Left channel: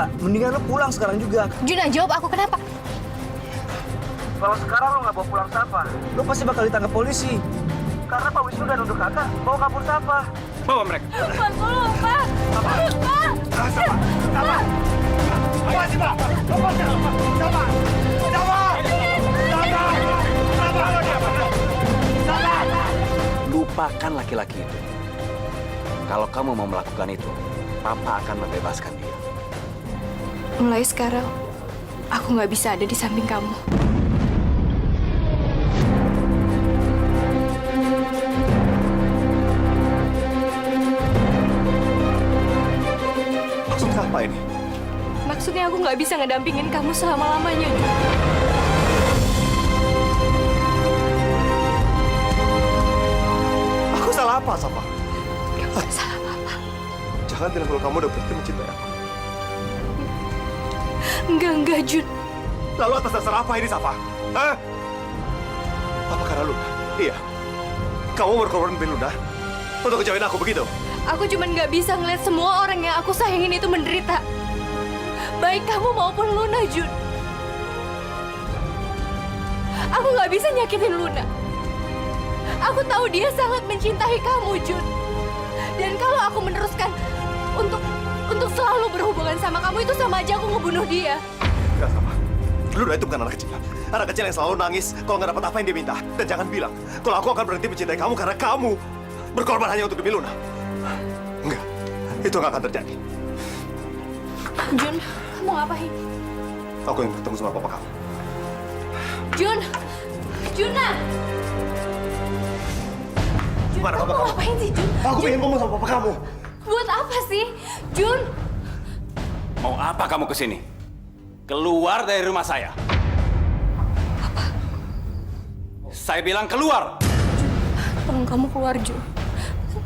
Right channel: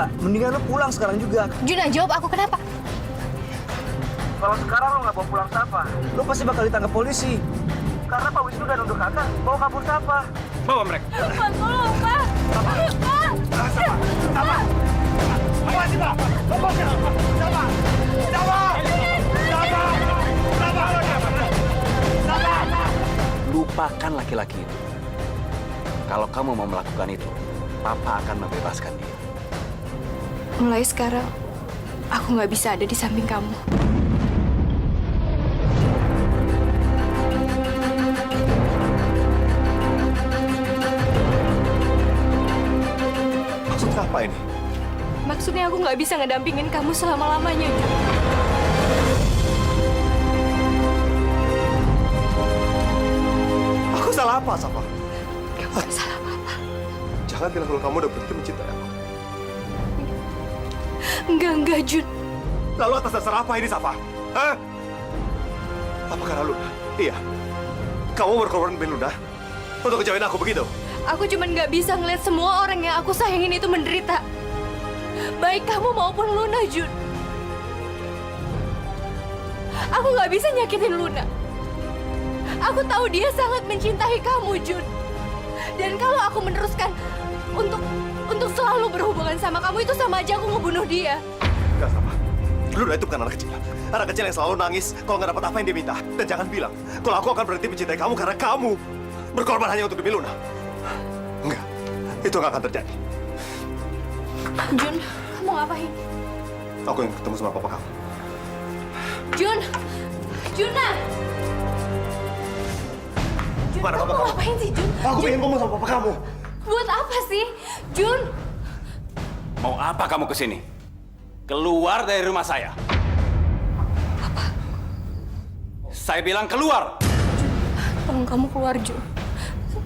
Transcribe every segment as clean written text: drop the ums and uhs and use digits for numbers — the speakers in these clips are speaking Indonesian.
Kak, mendingan lo pulang sekarang juga. Juna, jawab aku kenapa? Kalau sekarang lo nggak bawa pulang Safa, lo pasti bakal ditangkap polisi. Karena Pak Wisnu udah nuduh kakak bawa kabur Safa. Bawa mereka. Pak, tolong, Pak. Safa. Pak. Safa. Safa. Apa sih, Pak? Lepaskan. Safa. Safa. Safa. Safa. Safa. Lupakan laki-laki itu. Kalau kamu mau melakukan itu, Papa akan membebaskan dia. Mulai sekarang, aku nggak bisa ada di samping kamu. Maksudnya apa ini? Maksudnya aku nggak bisa ngedampingin kamu selama-lamanya, Jun. Aku salah apa, Safa? Kamu nggak salah apa-apa. Jangan bilang kalau kamu udah berhenti mencintai aku. Enggak, Jun. Lalu atas dasar apa ini, Safa? Hah? Apa karena Luna? Iya. Kamu berkorban demi Luna untuk ngejauhin aku begitu? Aku cuma nggak bisa ngeliat semua orang yang aku sayangin itu menderita. Baik kamu maupun Luna, Jun. Aku nggak bisa nyakitin Luna. Aku tahu dia sangat mencintai kamu, Jun. Dan kalau aku meneruskan untuk selalu berhubungan sama kamu, itu sama aja aku ngebunuh dia. Enggak, Safa. Luna itu bukan anak kecil. Anak kecil yang selalu nangis kalau nggak dapat apa yang dia minta. Dan jangan bilang kalau aku akan berhenti mencintai kamu karena kamu berkorban hanya untuk demi Luna. Enggak, itu nggak akan terjadi. Jun, kamu ngapain? Aku ingin ketemu sama papa kamu. Juna! Mana Kamu papa kamu? ngapain sih, Jun? Aku ingin ngomong sama papa kamu. Buat apa sih? Jun! Mau apa kamu kesini? Keluar dari rumah saya. Apa? Saya bilang keluar. Tolong kamu keluar, Jun.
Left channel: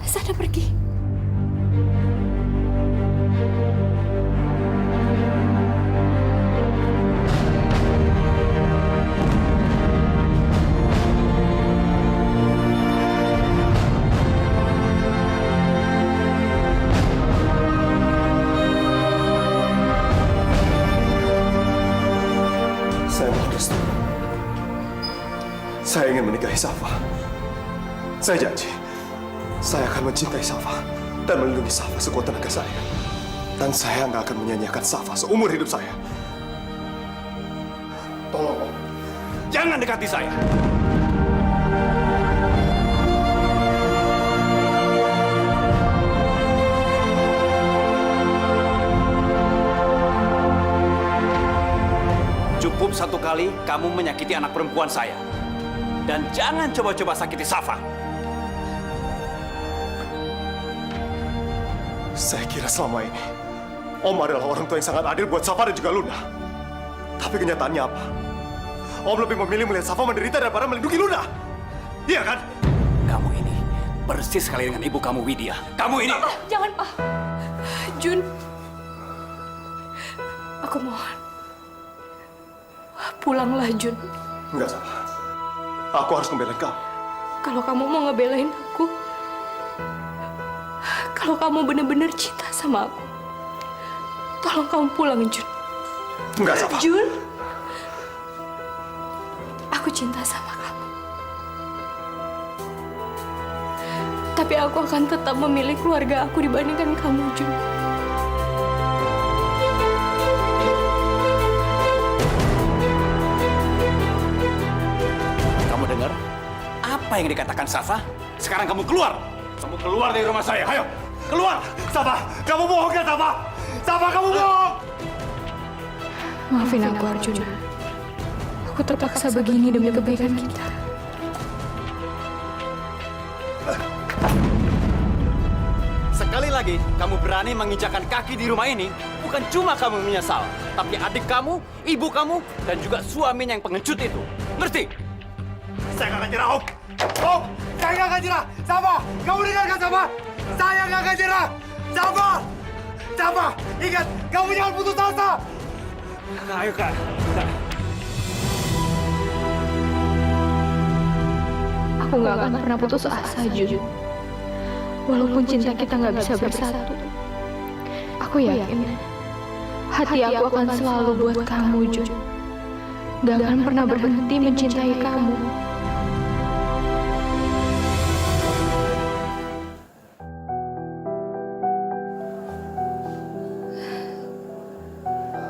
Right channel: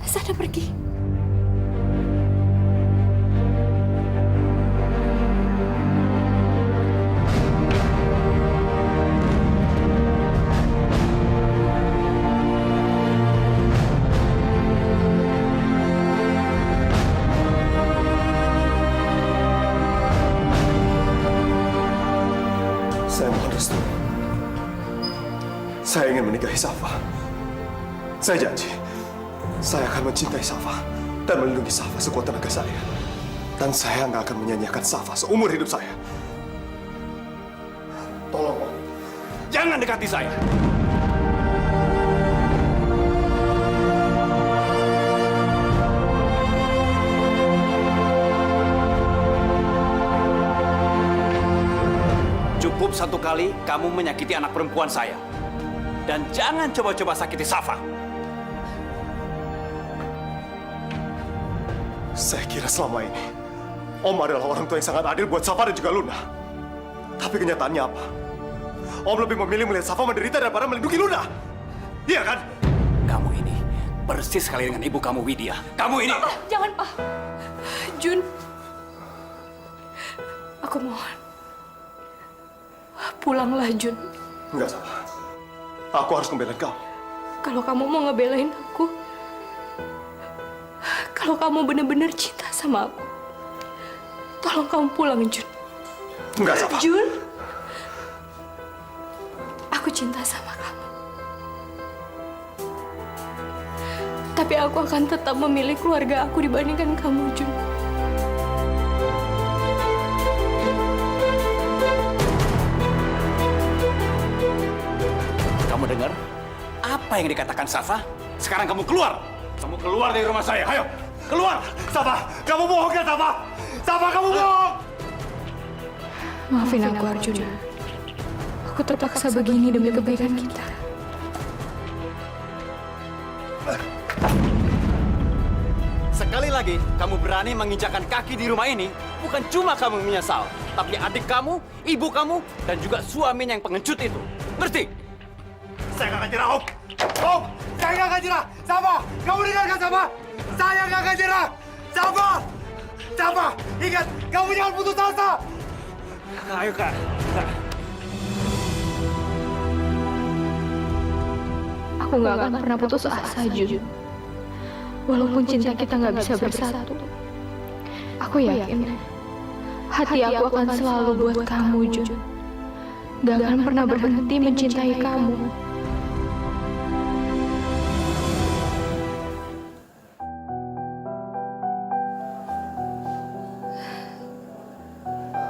Sana pergi. Saya mohon restu. Saya ingin menikahi Safa. Saya janji, saya akan mencintai Safa dan melindungi Safa sekuat tenaga saya. Dan saya nggak akan menyanyiakan Safa seumur hidup saya. Tolong, Om. Jangan dekati saya. Cukup satu kali kamu menyakiti anak perempuan saya. Dan jangan coba-coba sakiti Safa. Saya kira selama ini, Om adalah orang tua yang sangat adil buat Safa dan juga Luna. Tapi kenyataannya apa? Om lebih memilih melihat Safa menderita daripada melindungi Luna. Iya kan? Kamu ini persis sekali dengan ibu kamu, Widya. Kamu ini... Jangan, Pak. Jun. Aku mohon. Pulanglah, Jun. Enggak, Safa. Aku harus membelain kamu. Kalau kamu mau ngebelain aku, kalau kamu benar-benar cinta sama aku, tolong kamu pulang, Jun. Enggak, Safa. Jun, aku cinta sama kamu. Tapi aku akan tetap memilih keluarga aku dibandingkan kamu, Jun. Kamu dengar? Apa yang dikatakan Safa? Sekarang kamu keluar! Kamu keluar dari rumah saya, ayo! Keluar! Safa, kamu bohong kan, Safa? Safa, kamu bohong! Maafin aku, Arjuna. Aku terpaksa begini demi kebaikan kita. Sekali lagi kamu berani menginjakkan kaki di rumah ini, bukan cuma kamu menyesal, tapi adik kamu, ibu kamu, dan juga suaminya yang pengecut itu. Ngerti? Saya nggak akan nyerah, Om. Om, saya nggak akan nyerah. Safa, kamu dengarkan, Safa. Saya nggak akan nyerah. Safa, Safa, ingat, kamu jangan putus asa. Ayo, Kak. Aku nggak akan pernah putus asa, Jun. Walaupun cinta kita nggak bisa bersatu, aku yakin Hati aku akan selalu buat kamu, Jun. Gak akan pernah berhenti mencintai kamu.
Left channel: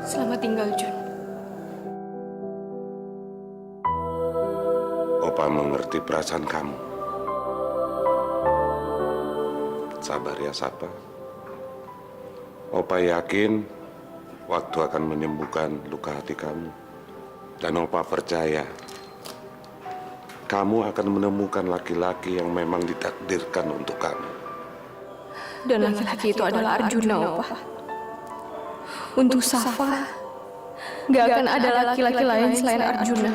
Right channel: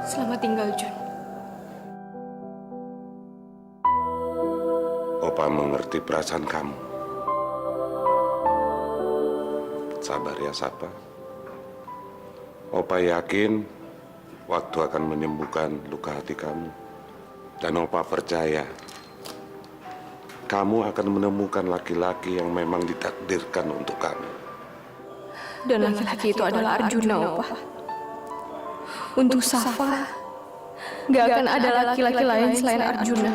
Selamat tinggal, Jun. Opa mengerti perasaan kamu. Sabar ya, Safa. Opa yakin waktu akan menyembuhkan luka hati kamu. Dan Opa percaya kamu akan menemukan laki-laki yang memang ditakdirkan untuk kamu. Dan laki-laki itu adalah Arjuna, Opa. Untuk Safa, gak akan ada laki-laki lain selain Arjuna.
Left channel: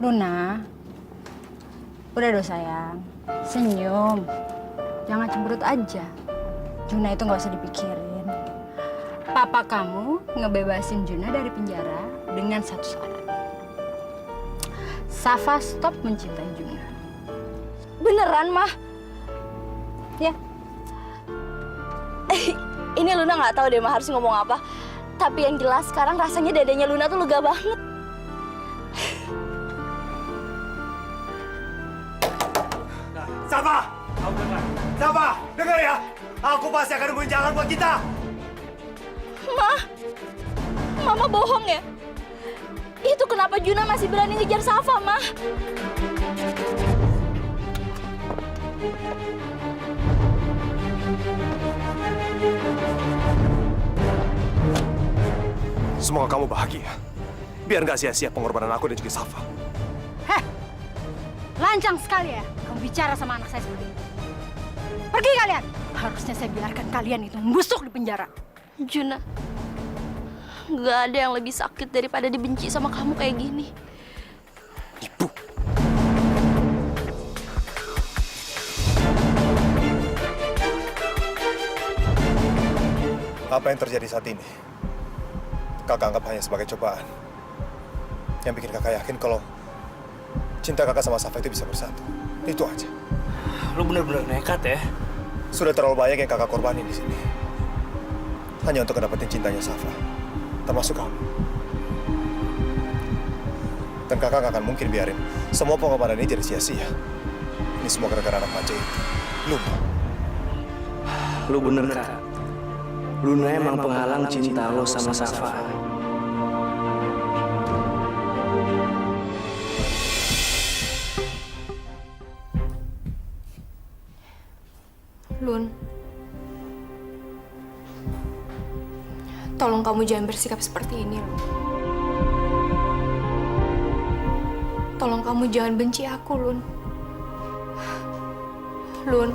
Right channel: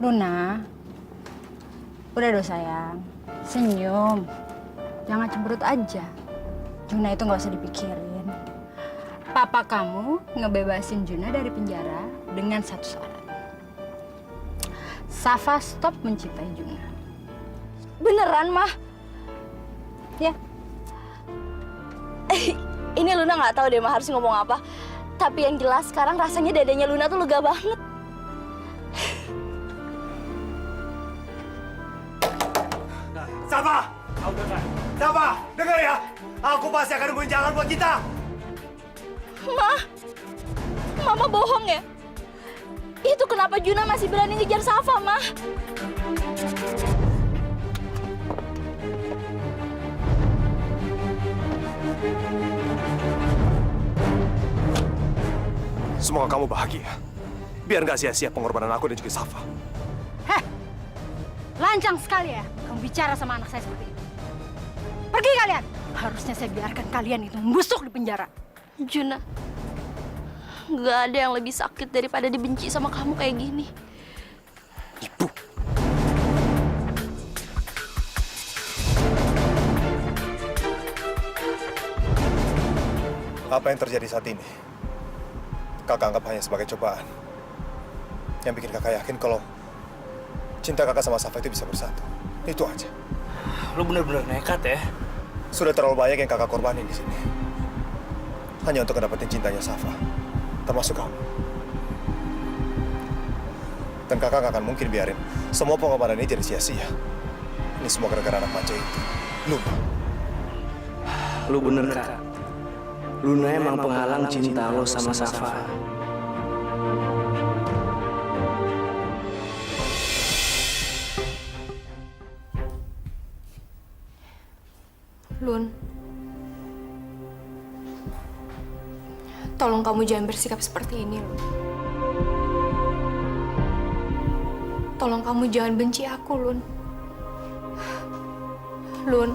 Luna, udah dong sayang, senyum. Jangan cemberut aja. Juna itu nggak usah dipikirin. Papa kamu ngebebasin Juna dari penjara dengan satu syarat. Safa stop mencintai Juna. Beneran, Mah? Ya. Ini Luna nggak tahu deh, Mah harus ngomong apa. Tapi yang jelas sekarang rasanya dadanya Luna tuh lega banget. Safa! Safa, dengar ya. Aku pasti akan nemuin jalan buat kita. Mah, Mama bohong ya? Itu kenapa Juna masih berani ngejar Safa, Mah? Semoga kamu bahagia. Biar nggak sia-sia pengorbanan aku dan juga Safa. Heh, lancang sekali ya kamu bicara sama anak saya seperti itu. Pergi kalian. Harusnya saya biarkan kalian itu membusuk di penjara. Juna, nggak ada yang lebih sakit daripada dibenci sama kamu kayak gini. Ibu. Apa yang terjadi saat ini? Kakak anggap hanya sebagai cobaan. Yang bikin kakak yakin kalau cinta kakak sama Safa itu bisa bersatu. Itu aja. Lu bener-bener nekat ya. Sudah terlalu banyak yang kakak korbanin di sini. Hanya untuk dapetin cintanya Safa. Termasuk kamu. Dan kakak gak akan mungkin biarin semua pengorbanan ini jadi sia-sia. Ini semua gara-gara anak manja itu. Luna. Lu bener, Kak. Luna emang penghalang cinta lo sama Safa. Lun, tolong kamu jangan bersikap seperti ini, Lun. Tolong kamu jangan benci aku, Lun. Lun,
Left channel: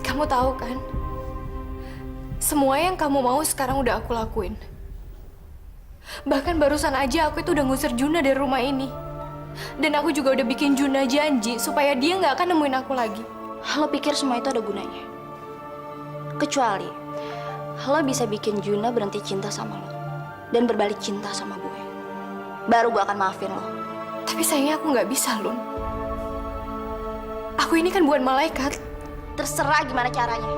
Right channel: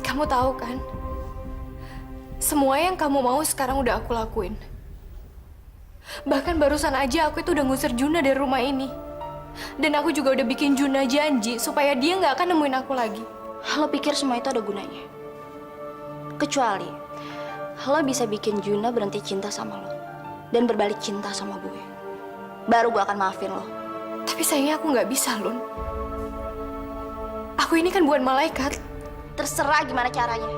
kamu tahu kan? Semua yang kamu mau sekarang udah aku lakuin. Bahkan barusan aja aku itu udah ngusir Juna dari rumah ini. Dan aku juga udah bikin Juna janji supaya dia nggak akan nemuin aku lagi. Lo pikir semua itu ada gunanya? Kecuali lo bisa bikin Juna berhenti cinta sama lo dan berbalik cinta sama gue. Baru gue akan maafin lo. Tapi sayangnya aku nggak bisa, Lun. Aku ini kan bukan malaikat. Terserah gimana caranya.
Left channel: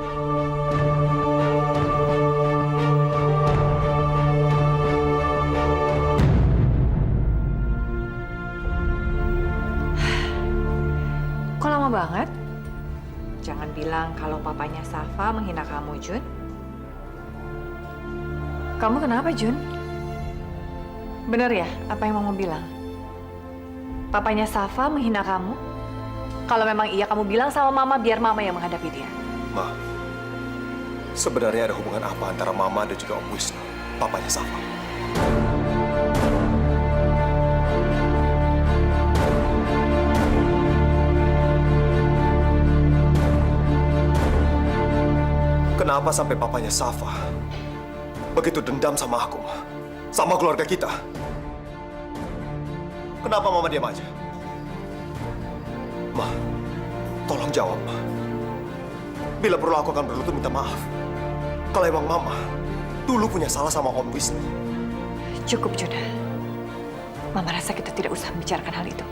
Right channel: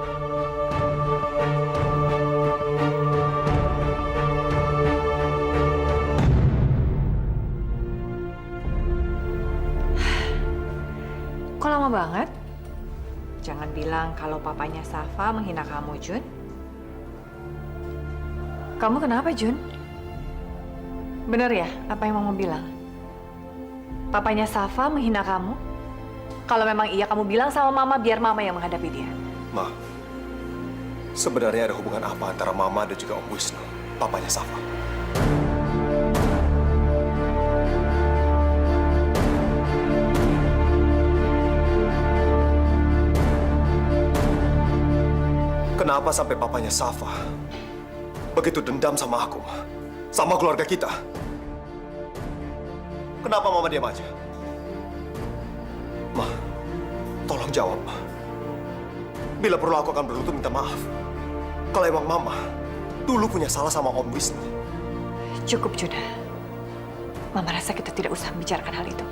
Kok lama banget? Jangan bilang kalau papanya Safa menghina kamu, Jun. Kamu kenapa, Jun? Bener ya apa yang Mama bilang? Papanya Safa menghina kamu? Kalau memang iya, kamu bilang sama Mama biar Mama yang menghadapi dia. Ma, sebenarnya ada hubungan apa antara Mama dan juga Om Wisnu, papanya Safa? Kenapa sampai papanya Safa begitu dendam sama aku, Ma? Sama keluarga kita? Kenapa Mama diam aja? Ma, tolong jawab, Ma. Bila perlu aku akan berlutut minta maaf. Kalau emang Mama dulu punya salah sama Om Wisnu. Cukup, Juna. Mama rasa kita tidak usah membicarakan hal itu.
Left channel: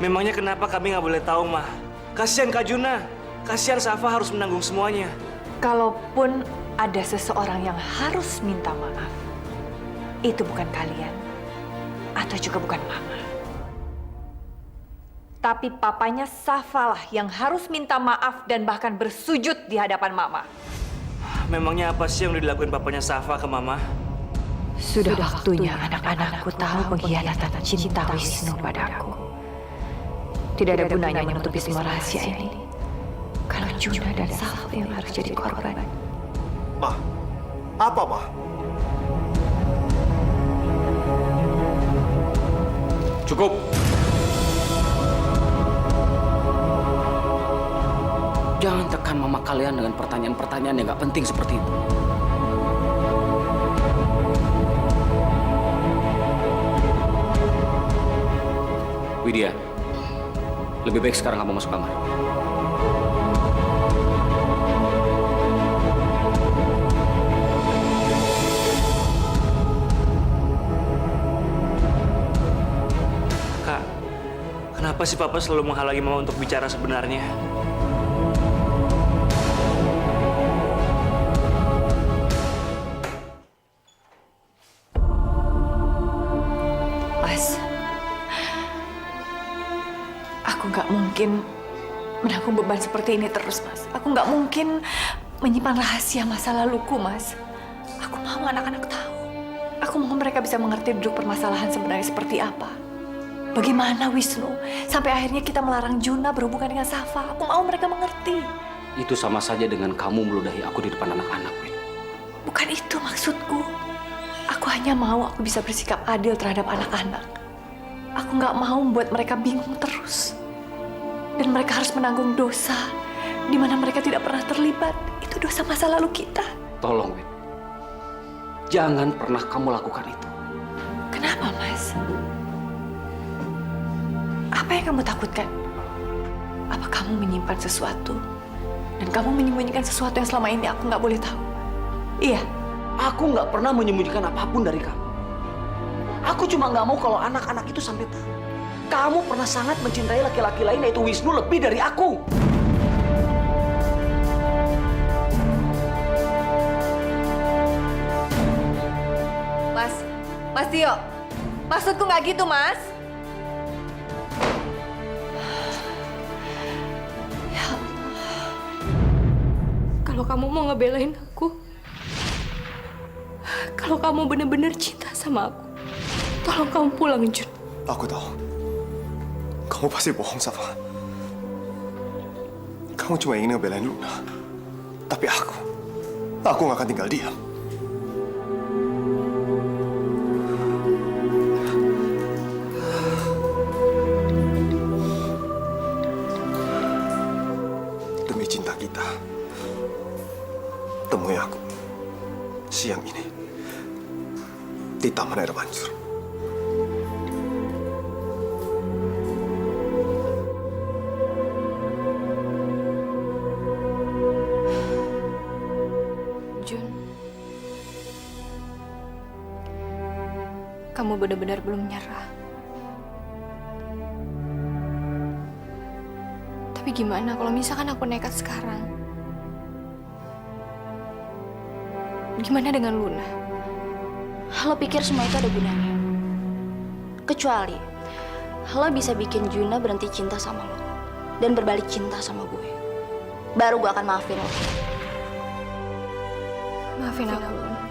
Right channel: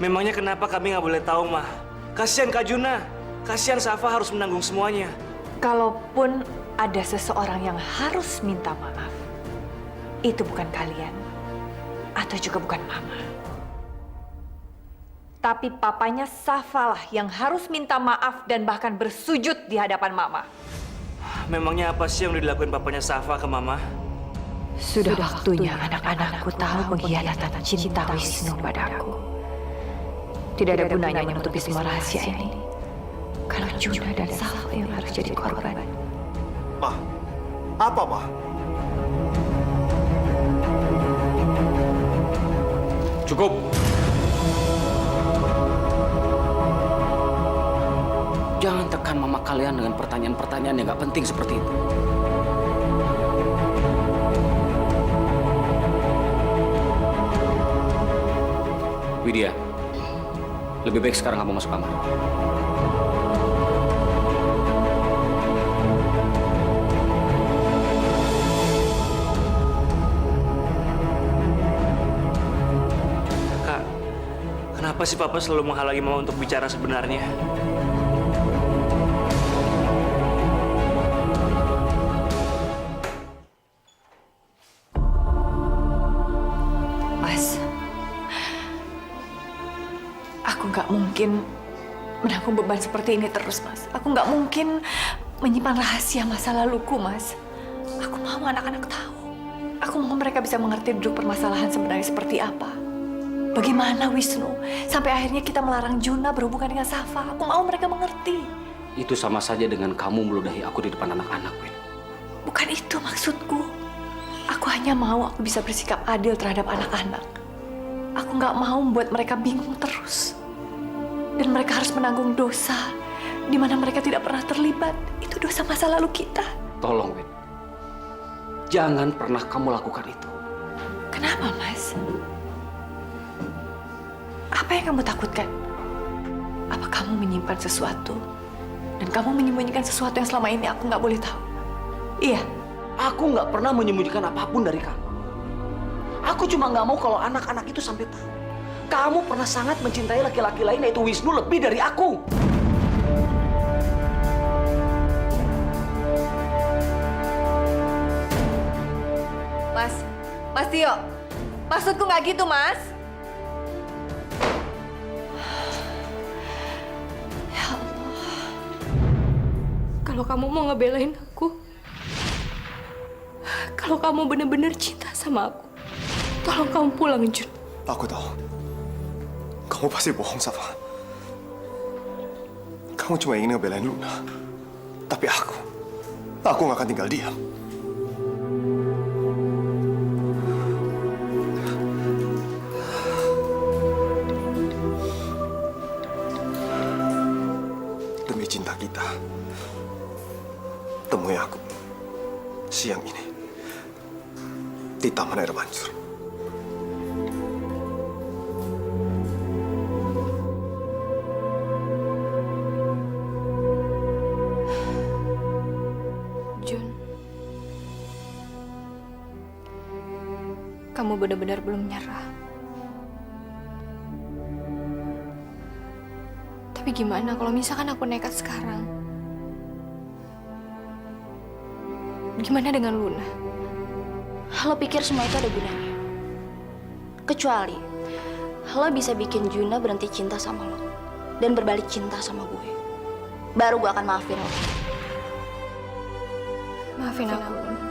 Memangnya kenapa kami nggak boleh tahu, Ma? Kasihan Kak Juna. Kasihan Safa harus menanggung semuanya. Kalaupun ada seseorang yang harus minta maaf, itu bukan kalian, atau juga bukan Mama. Tapi papanya Safa lah yang harus minta maaf dan bahkan bersujud di hadapan Mama. Memangnya apa sih yang udah dilakuin papanya Safa ke Mama? Sudah waktunya anak-anakku tahu pengkhianatan cinta Wisnu padaku. Tidak ada gunanya menutupi semua rahasia ini. Kalau Juna dan Safa yang harus jadi korban. Ma, apa, Ma? Cukup. Jangan tekan mama kalian dengan pertanyaan-pertanyaan yang nggak penting seperti itu. Widya, lebih baik sekarang kamu masuk kamar. Kak, kenapa sih Papa selalu menghalangi Mama untuk bicara sebenarnya? Mas, aku nggak mungkin menanggung beban seperti ini terus, Mas. Aku nggak mungkin menyimpan rahasia masa laluku, Mas. Aku mau anak-anak tahu. Aku mau mereka bisa mengerti duduk permasalahan sebenarnya seperti apa. Bagaimana Wisnu sampai akhirnya kita melarang Juna berhubungan dengan Safa. Aku mau mereka mengerti. Itu sama saja dengan kamu meludahi aku di depan anak-anak, Wid. Bukan itu maksudku. Aku hanya mau aku bisa bersikap adil terhadap anak-anak. Aku nggak mau membuat mereka bingung terus. Dan mereka harus menanggung dosa di mana mereka tidak pernah terlibat. Itu dosa masa lalu kita. Tolong, Wid. Jangan pernah kamu lakukan itu. Kenapa, Mas? Apa yang kamu takutkan? Apa kamu menyimpan sesuatu? Dan kamu menyembunyikan sesuatu yang selama ini aku nggak boleh tahu? Iya. Aku nggak pernah menyembunyikan apapun dari kamu. Aku cuma nggak mau kalau anak-anak itu sampai tahu. Kamu pernah sangat mencintai laki-laki lain yaitu Wisnu lebih dari aku. Mas Tio, maksudku nggak gitu, Mas. Ya Allah. Kalau kamu mau ngebelain aku, kalau kamu benar-benar cinta sama aku, tolong kamu pulang, Jun. Aku tahu. Kamu pasti bohong, Safa. Kamu cuma ingin ngebelain Luna. Tapi aku nggak akan tinggal diam. Demi cinta kita, temui aku siang ini di Taman Air Mancur. Jun, kamu benar-benar belum nyerah. Tapi gimana kalau misalkan aku nekat sekarang? Gimana dengan Luna? Lo pikir semua itu ada gunanya? Kecuali lo bisa bikin Juna berhenti cinta sama lo dan berbalik cinta sama gue. Baru gue akan maafin lo. Maafin aku, Luna.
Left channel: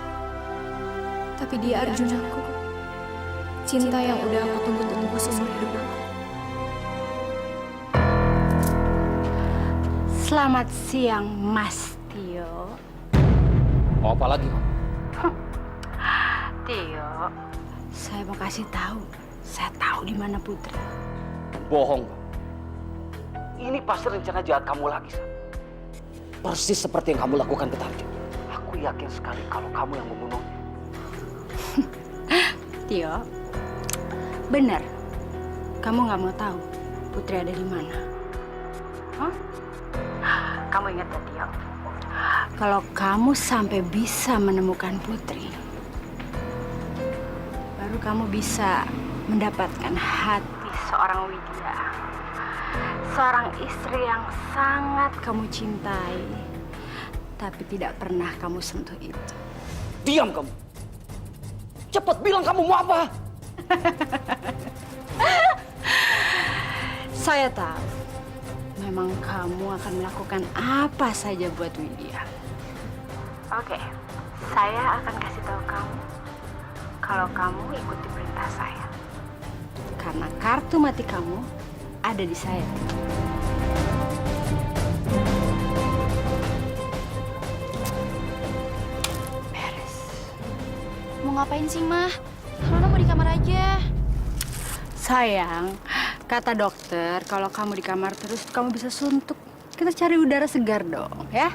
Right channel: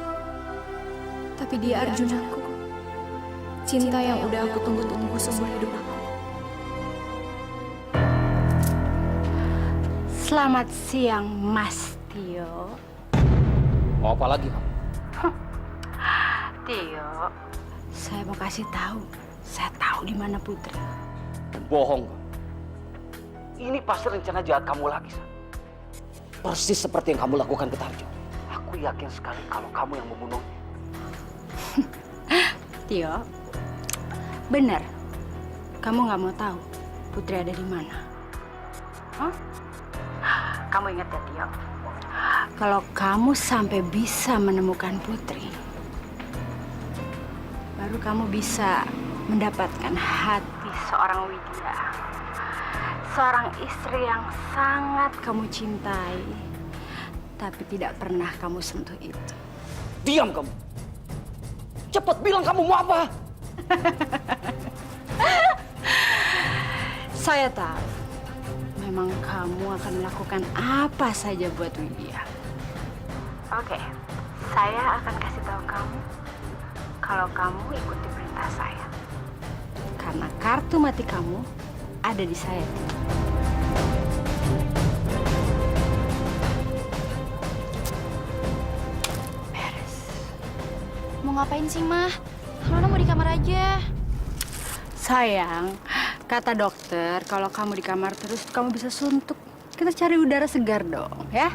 Tapi dia Arjun aku. Cinta yang udah aku tunggu-tunggu seumur hidup aku. Selamat siang, Mas Tio. Mau apa lagi, Mama? Tio, saya mau kasih tahu. Saya tahu di mana Putri. Bohong, Bang. Ini pasti rencana jahat kamu lagi, San. Persis seperti yang kamu lakukan ke Tarjo. Aku yakin sekali kalau kamu yang membunuhnya. Tio, benar. Kamu nggak mau tahu Putri ada di mana? Hah? Kamu ingat ya, Tio? Kalau kamu sampai bisa menemukan Putri, baru kamu bisa mendapatkan hati seorang Widya. seorang istri yang sangat kamu cintai, tapi tidak pernah kamu sentuh itu. Diam kamu. Cepat bilang kamu mau apa. Saya tahu, memang kamu akan melakukan apa saja buat Widya. Oke, saya akan kasih tahu kamu kalau kamu ikuti perintah saya. Karena kartu mati kamu ada di saya. Beres. Mau ngapain sih, Mah? Luna mau di kamar aja. Sayang, kata dokter kalau kamu di kamar terus kamu bisa suntuk. Kita cari udara segar dong, ya.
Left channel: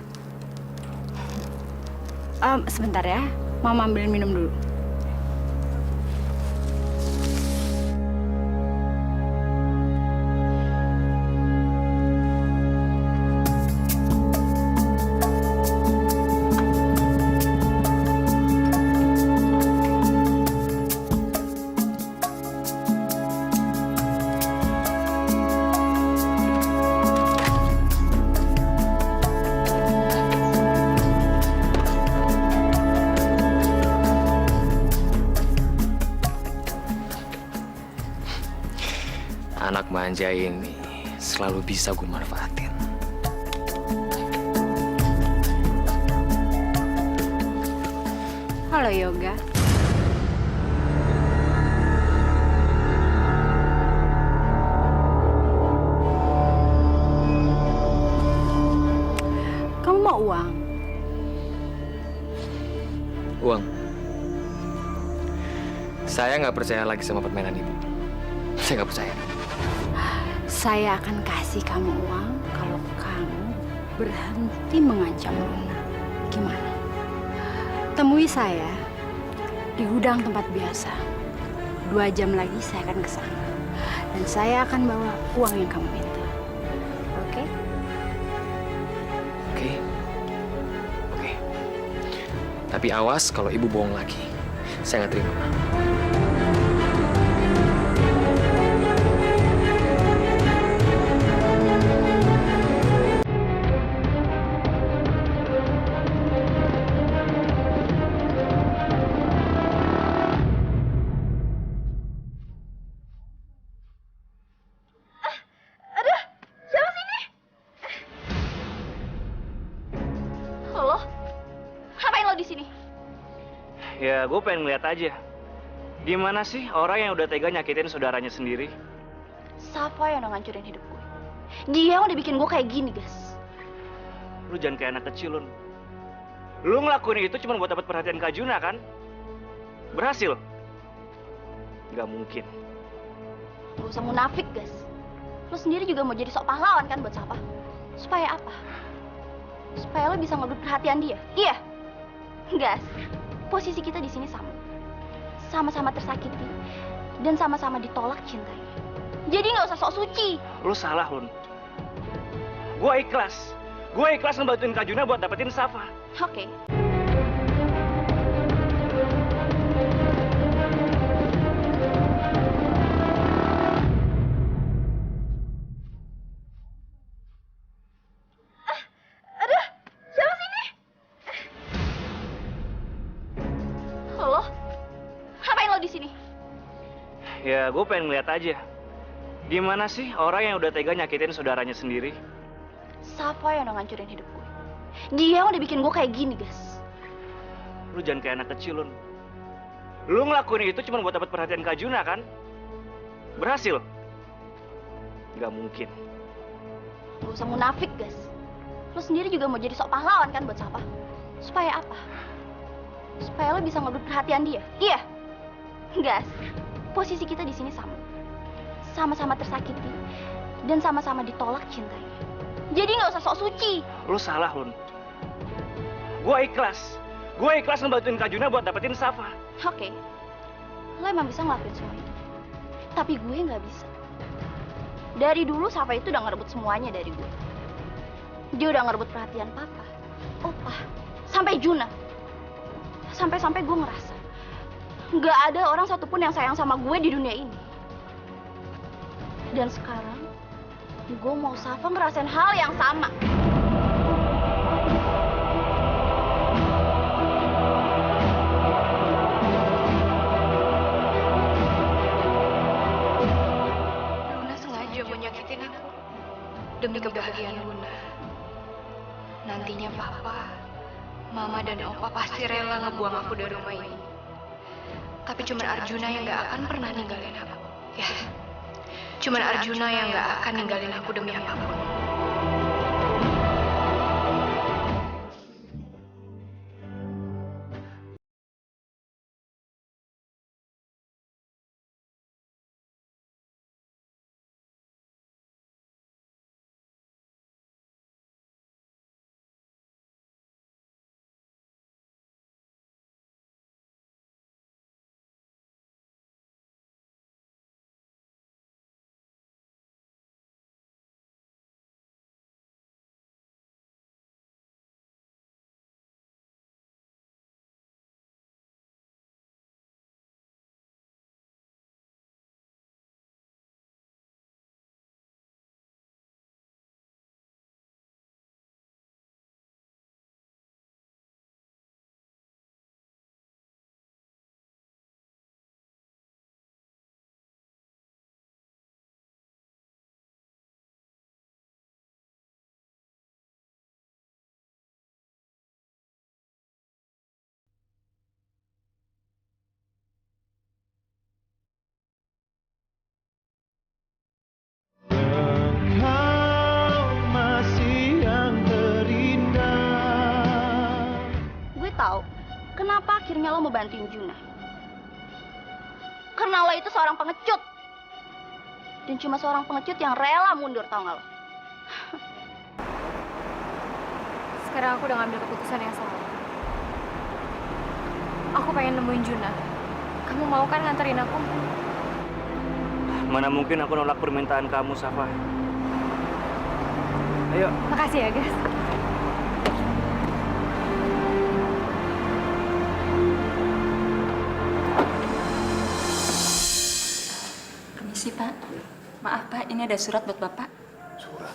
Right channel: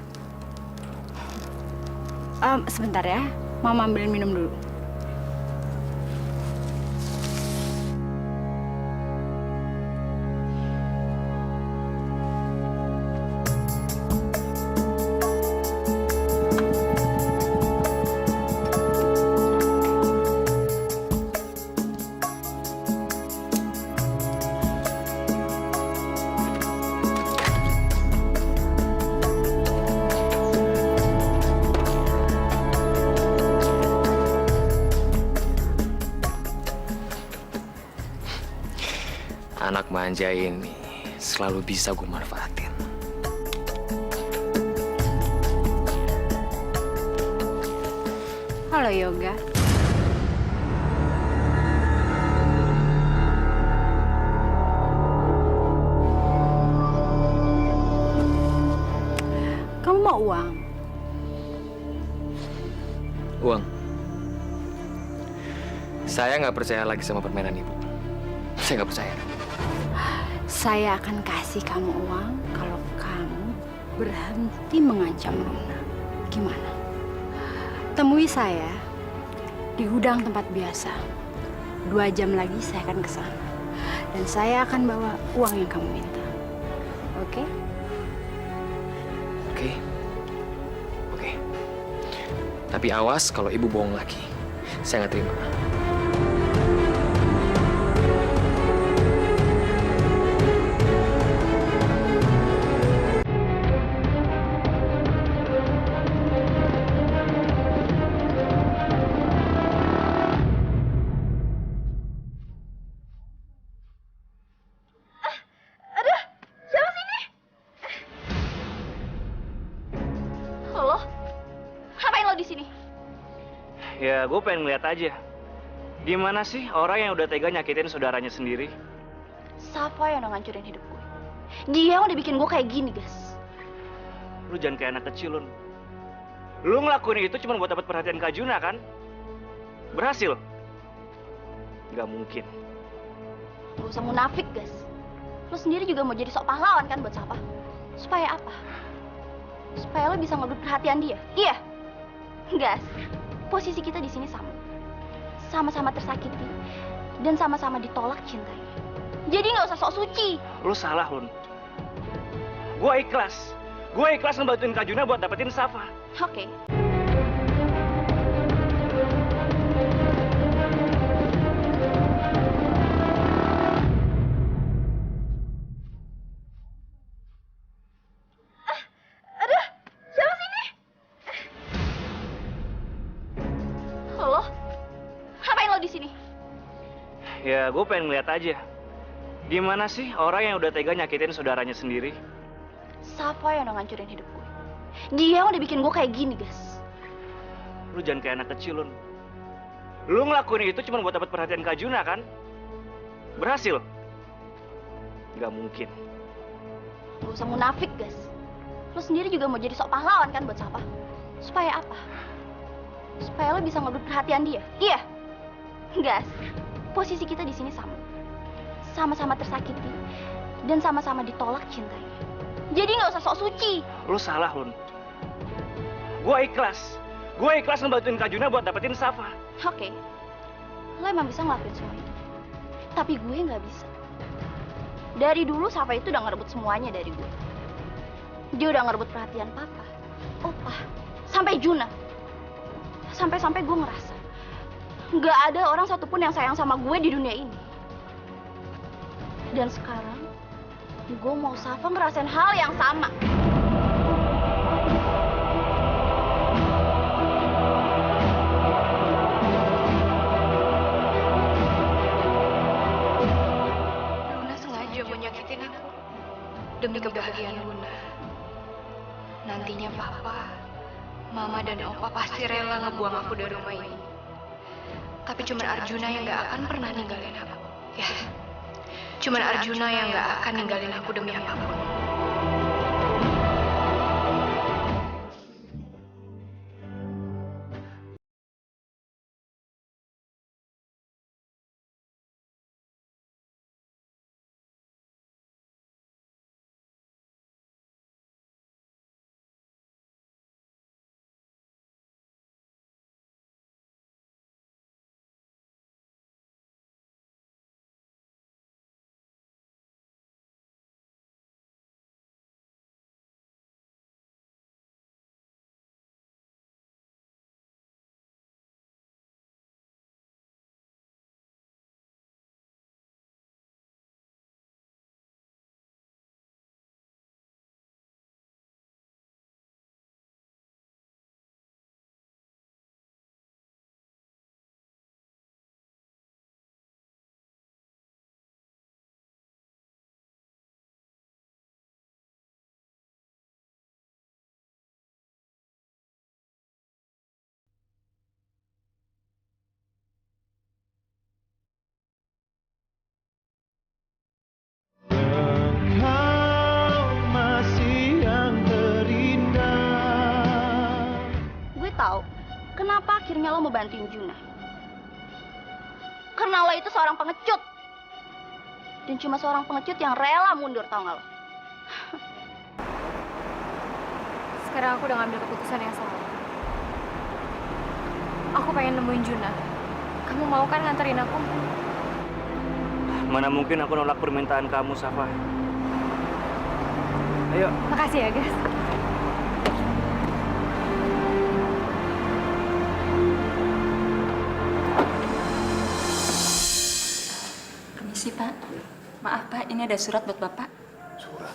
Sebentar ya, Mama ambilin minum dulu. Anak manja ini selalu bisa gue manfaatin. Halo Yoga. Kamu mau uang? Uang. Saya nggak percaya lagi sama permainan ibu. Saya nggak percaya. Saya akan kasih kamu uang kalau kamu berhenti mengancam Luna. Gimana? Temui saya di gudang tempat biasa. 2 jam lagi saya akan ke sana. Dan saya akan bawa uang yang kamu minta. Oke? Oke. Oke. Tapi awas kalau ibu bohong lagi. Saya nggak terima. Halo? Ngapain lo di sini? Ya, gue pengen ngeliat aja. Gimana sih orang yang udah tega nyakitin saudaranya sendiri? Safa yang udah ngancurin hidup gue. Dia yang udah bikin gue kayak gini, guys. Lu jangan kayak anak kecil, Lun. Lu ngelakuin itu cuma buat dapat perhatian Kak Juna, kan? Berhasil? Nggak mungkin. Gak usah munafik, guys. Lo sendiri juga mau jadi sok pahlawan kan buat Safa? Supaya apa? Supaya lo bisa ngerebut perhatian dia. Iya. Guys, posisi kita di sini sama. Sama-sama tersakiti dan sama-sama ditolak cintanya. Jadi nggak usah sok suci. Lu salah, Lun. Gue ikhlas. Gue ikhlas ngebantuin Kak Juna buat dapetin Safa. Oke. Halo? Ngapain lo di sini? Ya, gue pengen ngeliat aja. Gimana sih orang yang udah tega nyakitin saudaranya sendiri? Safa yang udah ngancurin hidup gue. Dia yang udah bikin gue kayak gini, guys. Lu jangan kayak anak kecil, Lun. Lu ngelakuin itu cuma buat dapat perhatian Kak Juna, kan? Berhasil? Nggak mungkin. Gak usah munafik, guys. Lo sendiri juga mau jadi sok pahlawan kan buat Safa? Supaya apa? Supaya lo bisa ngerebut perhatian dia. Iya. Guys, posisi kita di sini sama. Sama-sama tersakiti dan sama-sama ditolak cintanya. Jadi nggak usah sok suci. Lu salah, Lun. Gue ikhlas. Gue ikhlas ngebantuin Kak Juna buat dapetin Safa. Oke. Lo emang bisa ngelakuin semua itu. Tapi gue nggak bisa. Dari dulu Safa itu udah ngerebut semuanya dari gue. Dia udah ngerebut perhatian papa, opa, sampai Juna. Sampai-sampai gue ngerasa nggak ada orang satupun yang sayang sama gue di dunia ini. Dan sekarang Gue mau Safa ngerasain hal yang sama. Luna sengaja mau nyakitin aku demi kebahagiaan Luna. Nantinya Papa, Mama dan Opa pasti rela ngebuang aku dari rumah ini. Tapi cuma Arjuna yang gak akan pernah ninggalin aku. Ya, cuma Arjuna yang gak akan ninggalin aku demi apapun. Gue tahu kenapa akhirnya lo mau bantuin Juna. Karena lo itu seorang pengecut. Dan cuma seorang pengecut yang rela mundur, tau gak lo? Sekarang aku udah ngambil keputusan yang salah. Aku pengen nemuin Juna. Kamu mau kan nganterin aku? Mana mungkin aku nolak permintaan kamu, Safa. Ayo. Makasih ya, guys. Permisi, Pak. Maaf, Pak. Ini ada surat buat Bapak. Surat?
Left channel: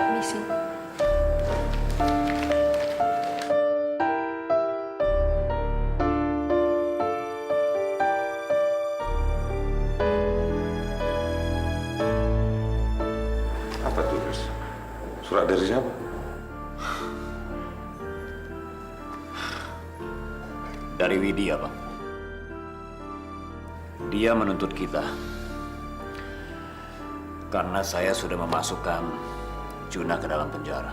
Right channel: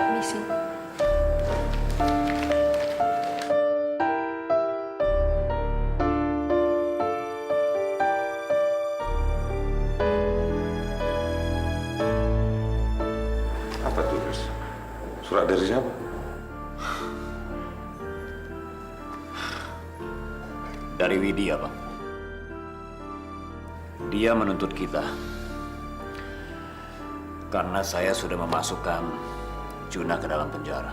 Permisi. Apa tulis? Surat dari siapa? Dari Widya, Bang. Dia menuntut kita karena saya sudah memasukkan Juna ke dalam penjara.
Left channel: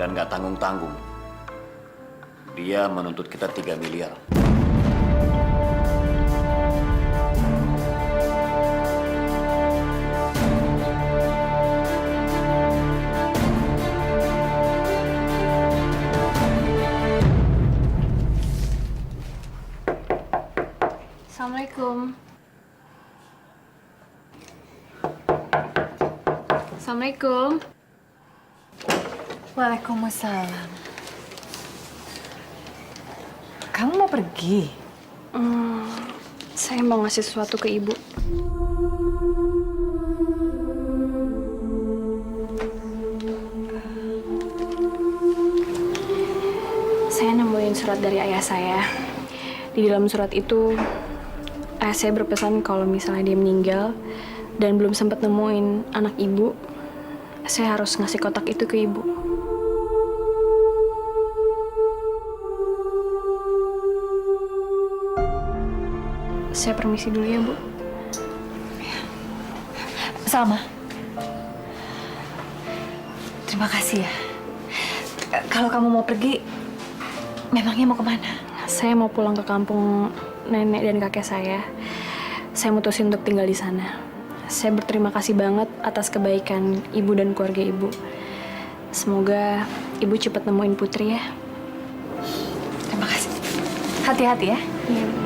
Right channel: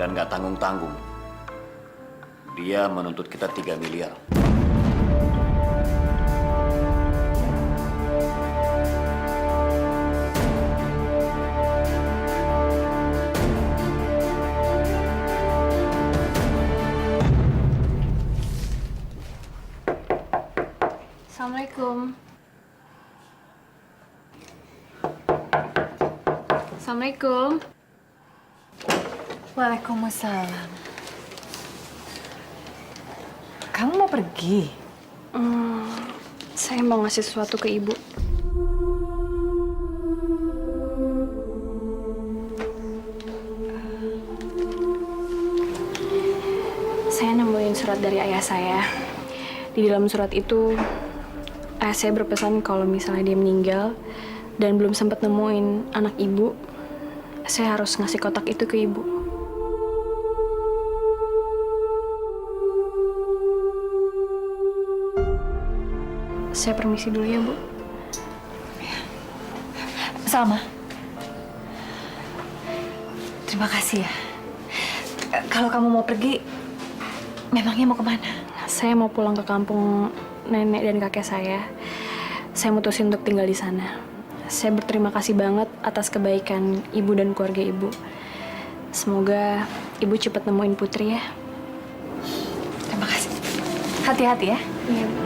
Dan nggak tanggung-tanggung. Dia menuntut kita 3 miliar. Assalamualaikum. Assalamualaikum. Waalaikumsalam. Kamu mau pergi? Saya mau ngasih sesuatu ke Ibu. Saya nemuin surat dari ayah saya. Di dalam surat itu, ayah saya berpesan kalau misalnya dia meninggal dan belum sempat nemuin anak Ibu, saya harus ngasih kotak itu ke Ibu. Saya permisi dulu ya, Bu. Salma. Terima kasih ya. Kalau kamu mau pergi, memangnya mau kemana? Saya mau pulang ke kampung nenek dan kakek saya. Saya mutusin untuk tinggal di sana. Saya berterima kasih banget atas kebaikan Ibu dan keluarga Ibu. Semoga Ibu cepat nemuin Putri ya. Terima kasih. Hati-hati ya. Iya, Bu.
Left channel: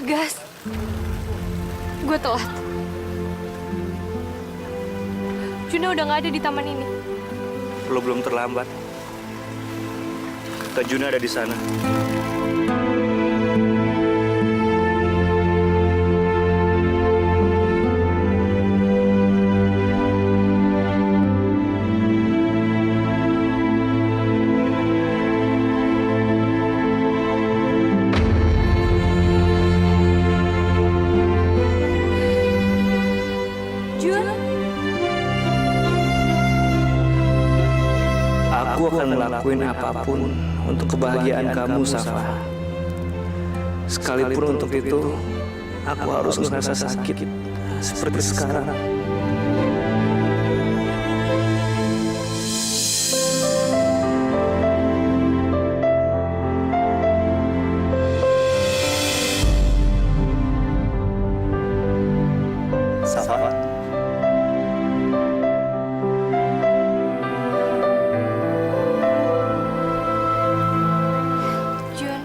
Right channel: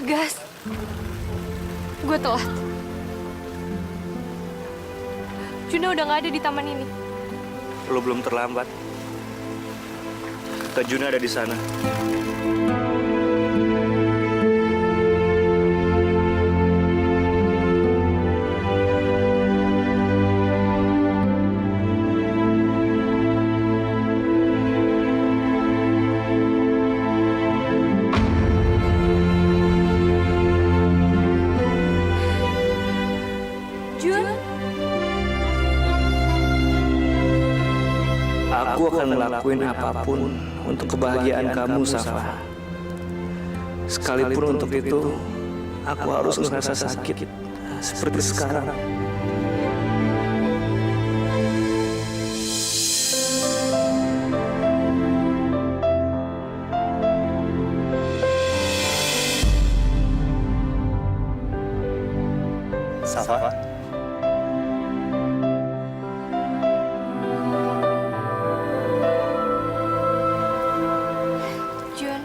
Gas. udah telat. Juna udah nggak ada di taman ini. Lo belum terlambat. Kak Juna ada di sana. Jun, Aku akan ngelakuin apapun untuk kebahagiaan kamu, Safa. Sekalipun untuk itu, aku harus ngerasa sakit seperti sekarang. Safa, Jun,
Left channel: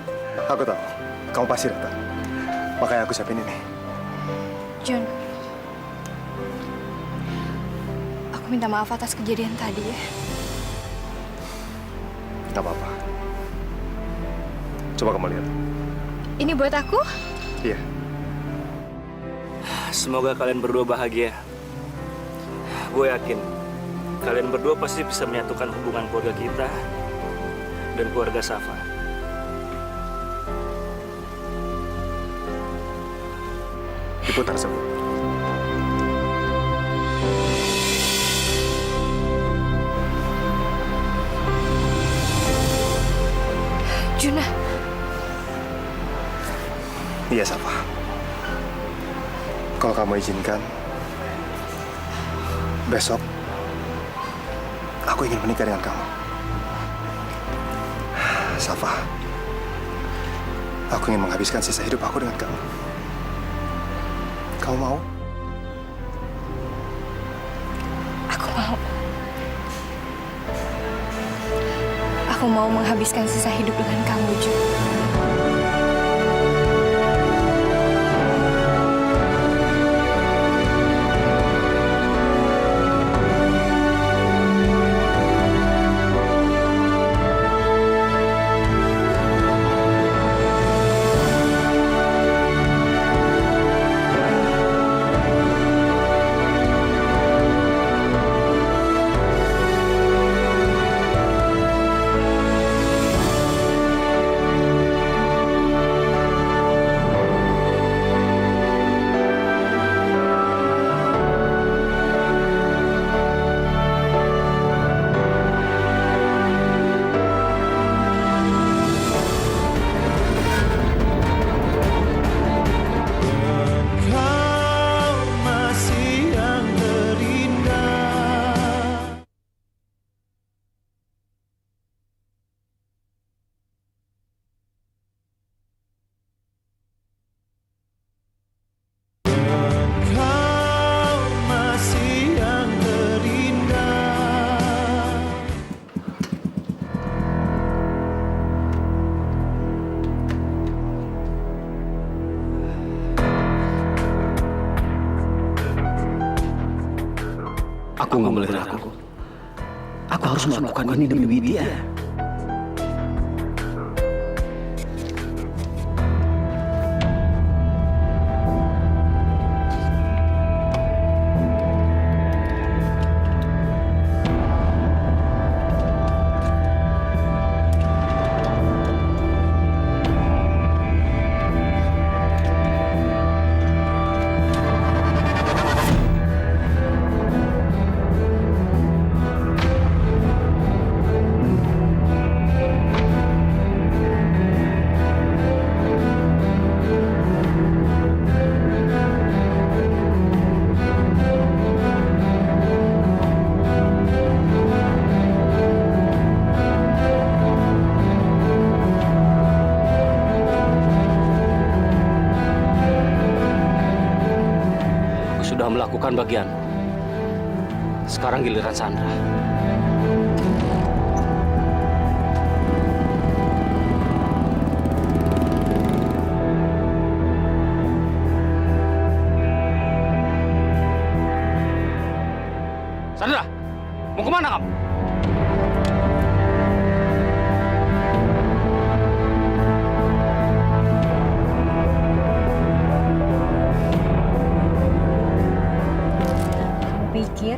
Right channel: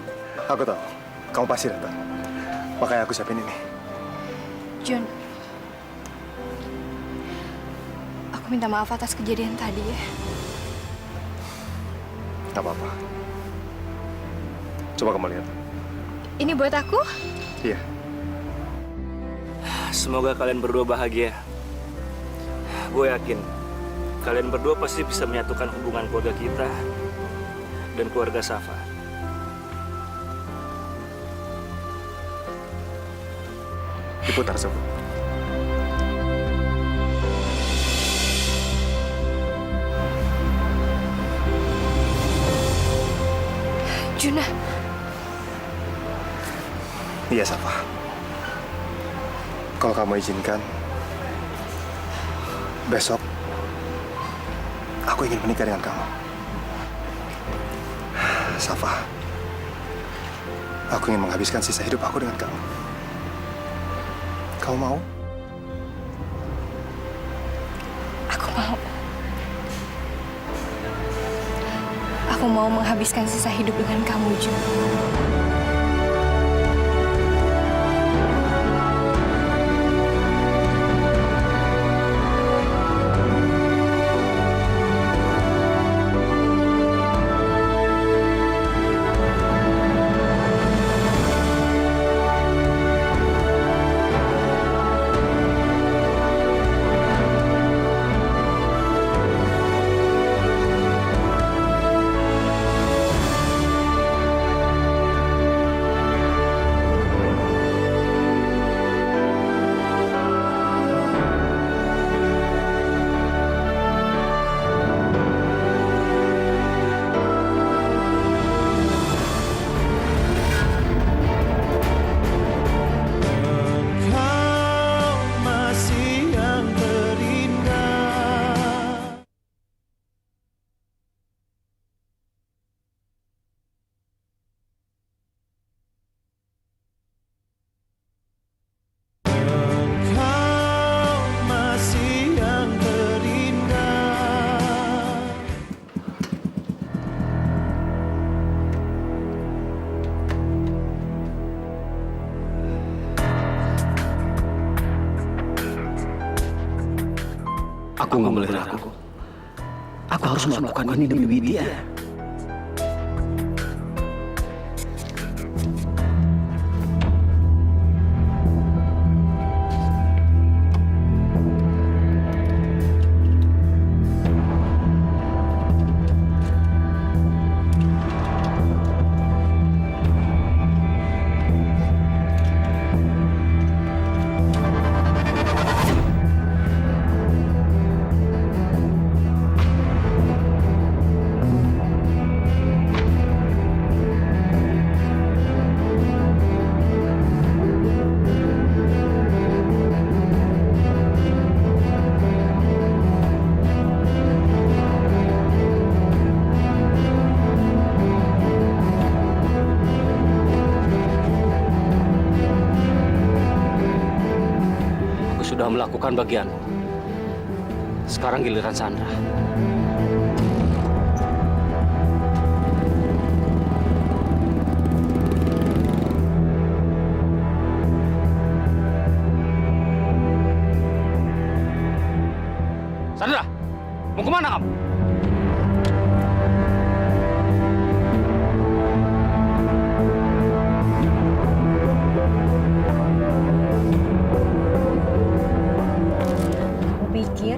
aku tahu kamu pasti datang. Makanya aku siapin ini. Jun. Aku minta maaf atas kejadian tadi ya. Gak apa-apa. Coba kamu lihat. Ini buat aku? Iya. Semoga kalian berdua bahagia. Gue yakin kalian berdua pasti bisa menyatukan hubungan keluarga kita dan keluarga Safa. Diputar sebut. Juna, Iya, Safa. Kalau kamu izinkan, besok aku ingin menikah dengan kamu. Safa, aku ingin menghabiskan sisa hidup aku dengan kamu. Kamu mau? aku mau. Aku mau menghabiskan sisa hidup dengan kamu, Jun. Aku nggak boleh ragu. Aku harus melakukan ini demi Widya. Sudah melakukan bagianku. Sekarang giliran Sandra. Sandra, mau kemana kamu? Kamu pikir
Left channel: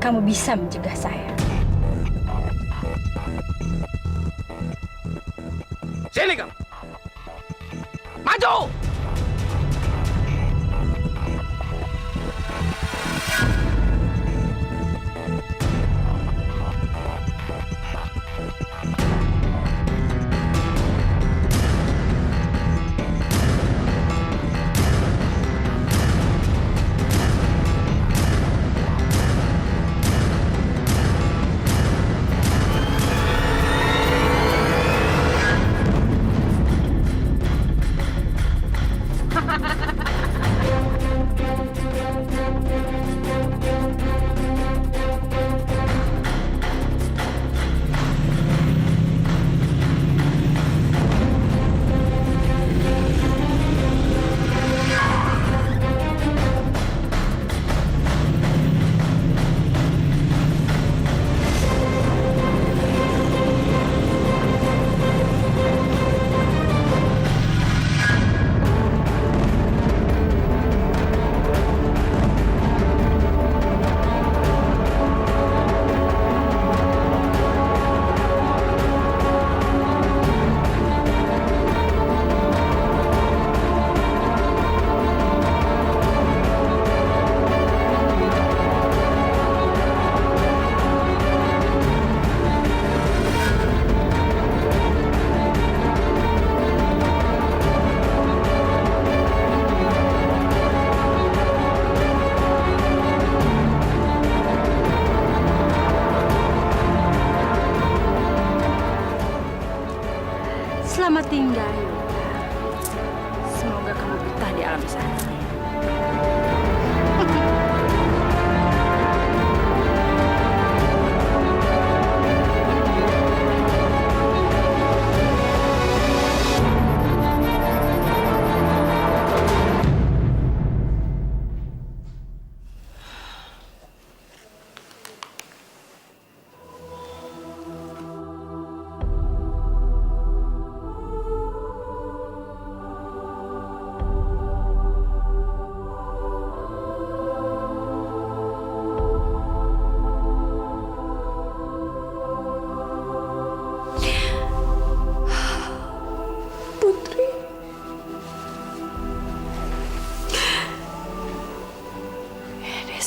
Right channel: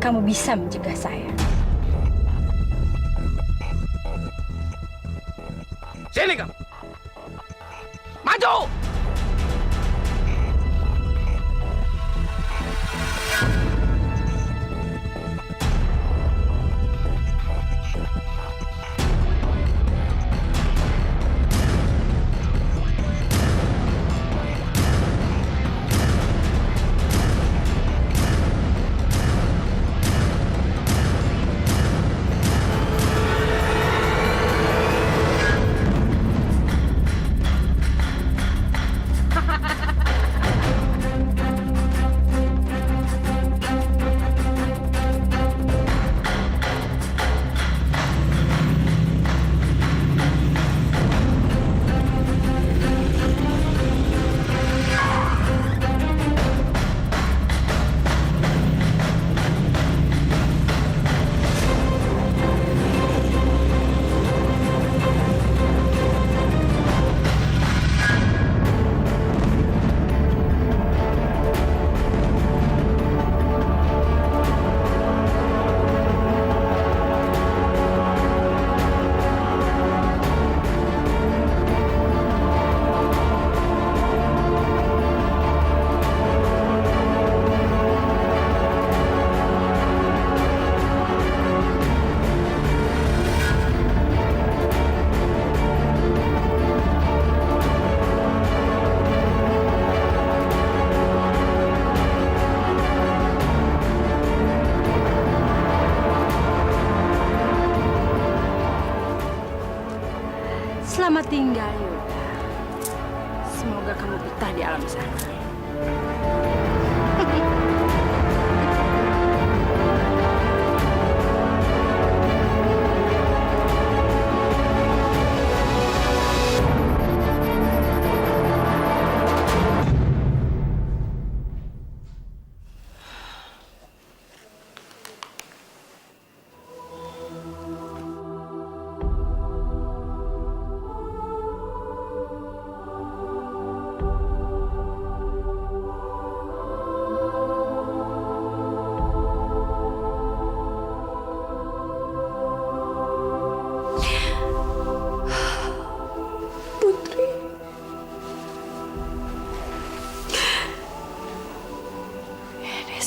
kamu bisa mencegah saya? Sini kamu. Maju! Selamat tinggal, Yoga. Semoga kamu betah di alam sana.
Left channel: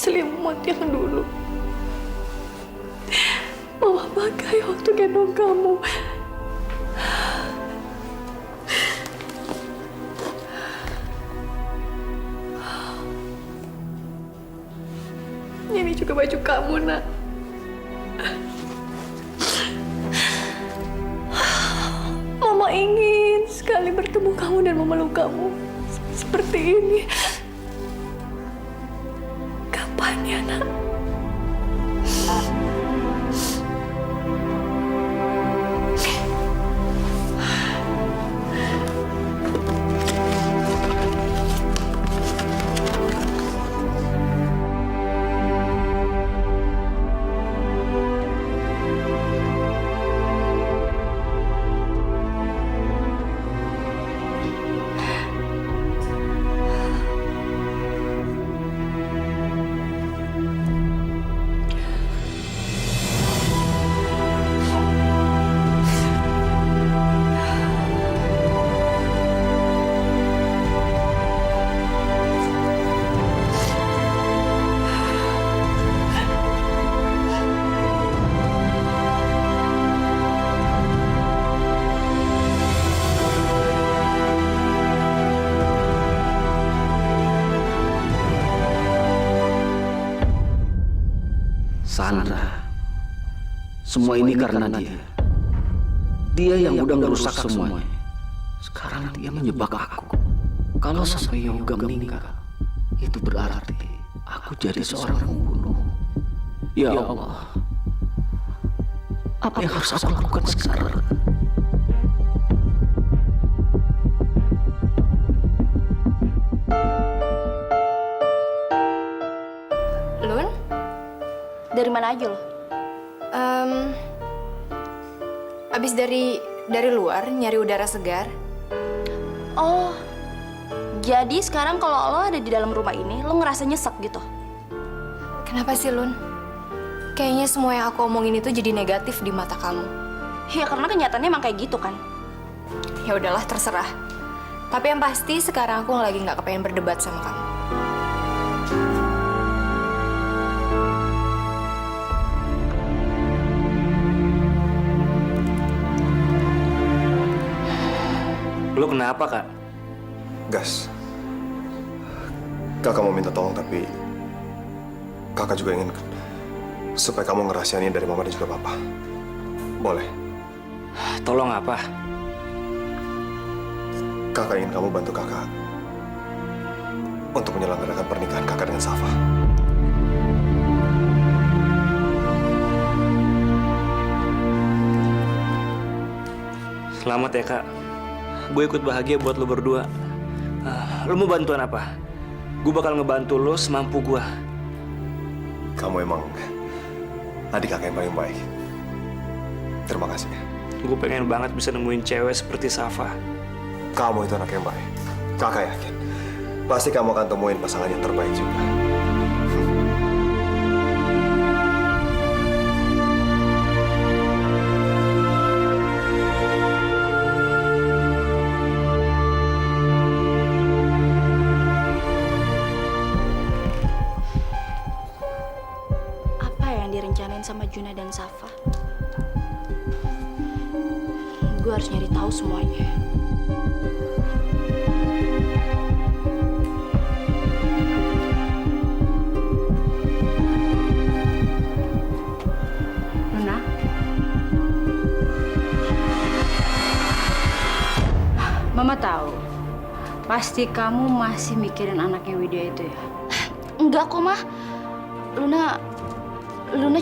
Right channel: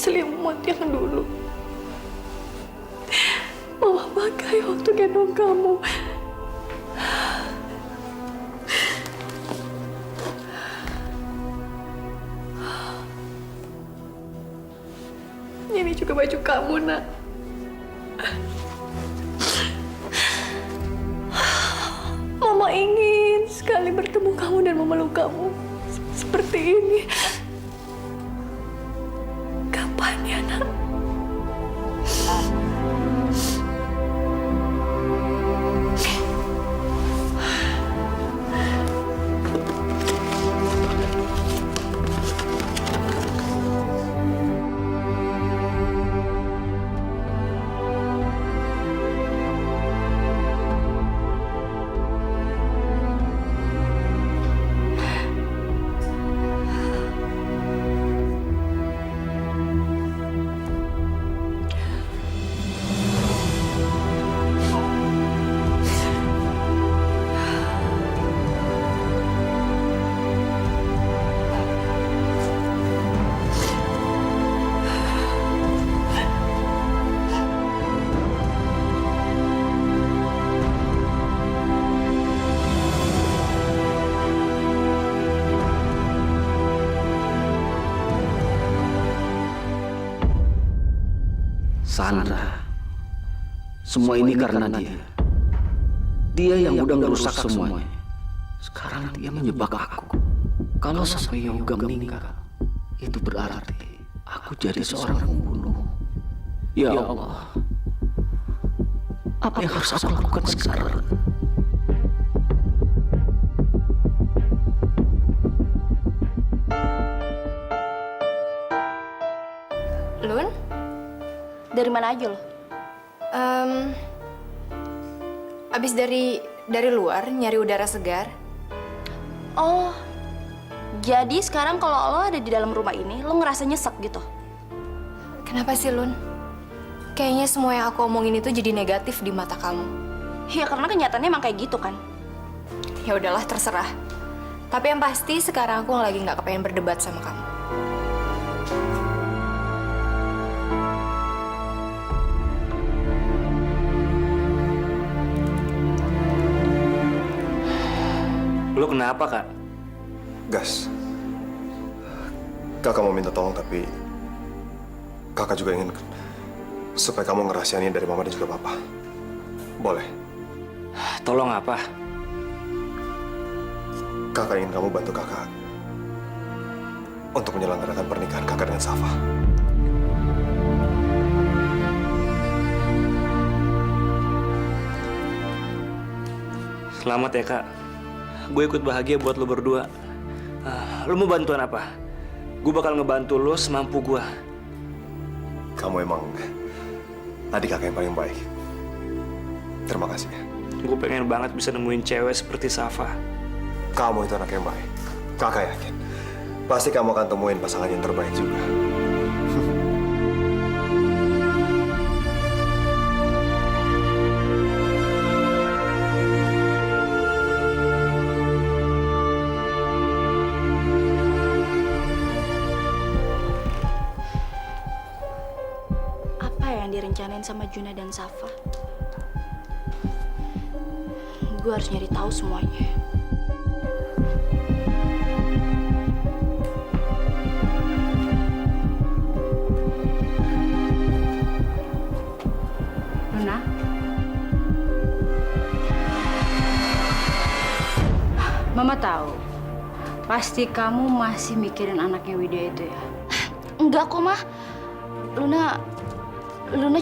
Selimut yang dulu Mama pakai waktu gendong kamu. Ini juga baju kamu, Nak. Mama ingin sekali bertemu kamu dan memeluk kamu seperti ini. Kapan ya, Nak? Sandra, semua ini karena dia. Dia yang udah ngerusak semuanya. Sekarang dia menjebak aku. Kalau sampai Yoga meninggal, itu berarti aku jadi seorang pembunuh. Ya Allah, apa yang harus aku lakukan sekarang? Lun? Dari mana aja lo? Abis dari luar nyari udara segar. Oh, jadi sekarang kalau lo ada di dalam rumah ini, lo ngerasa nyesek gitu? Kenapa sih, Lun? Kayaknya semua yang aku omongin itu jadi negatif di mata kamu. Ya karena kenyataannya emang kayak gitu kan. Ya udahlah, terserah. Tapi yang pasti sekarang aku lagi nggak kepengen berdebat sama kamu. Lu kenapa, Kak? Gas, kakak mau minta tolong, tapi kakak juga ingin supaya kamu ngerahasiain dari mama dan juga papa. Boleh? Tolong apa? Kakak ingin kamu bantu kakak untuk menyelenggarakan pernikahan kakak dengan Safa. Selamat ya, Kak. Gue ikut bahagia buat lo berdua. Lo mau bantuan apa? Gue bakal ngebantu lo semampu gue. Kamu emang adik kakak yang paling baik. Terima kasih ya. Gue pengen banget bisa nemuin cewek seperti Safa. Kamu itu anak yang baik. Kakak yakin. Pasti kamu akan temuin pasangan yang terbaik juga. Apa yang direncanain sama Juna dan Safa? Gue harus nyari tahu semuanya. Luna? Mama tahu. Pasti kamu masih mikirin anaknya Widya itu ya? Enggak kok, Mah. Luna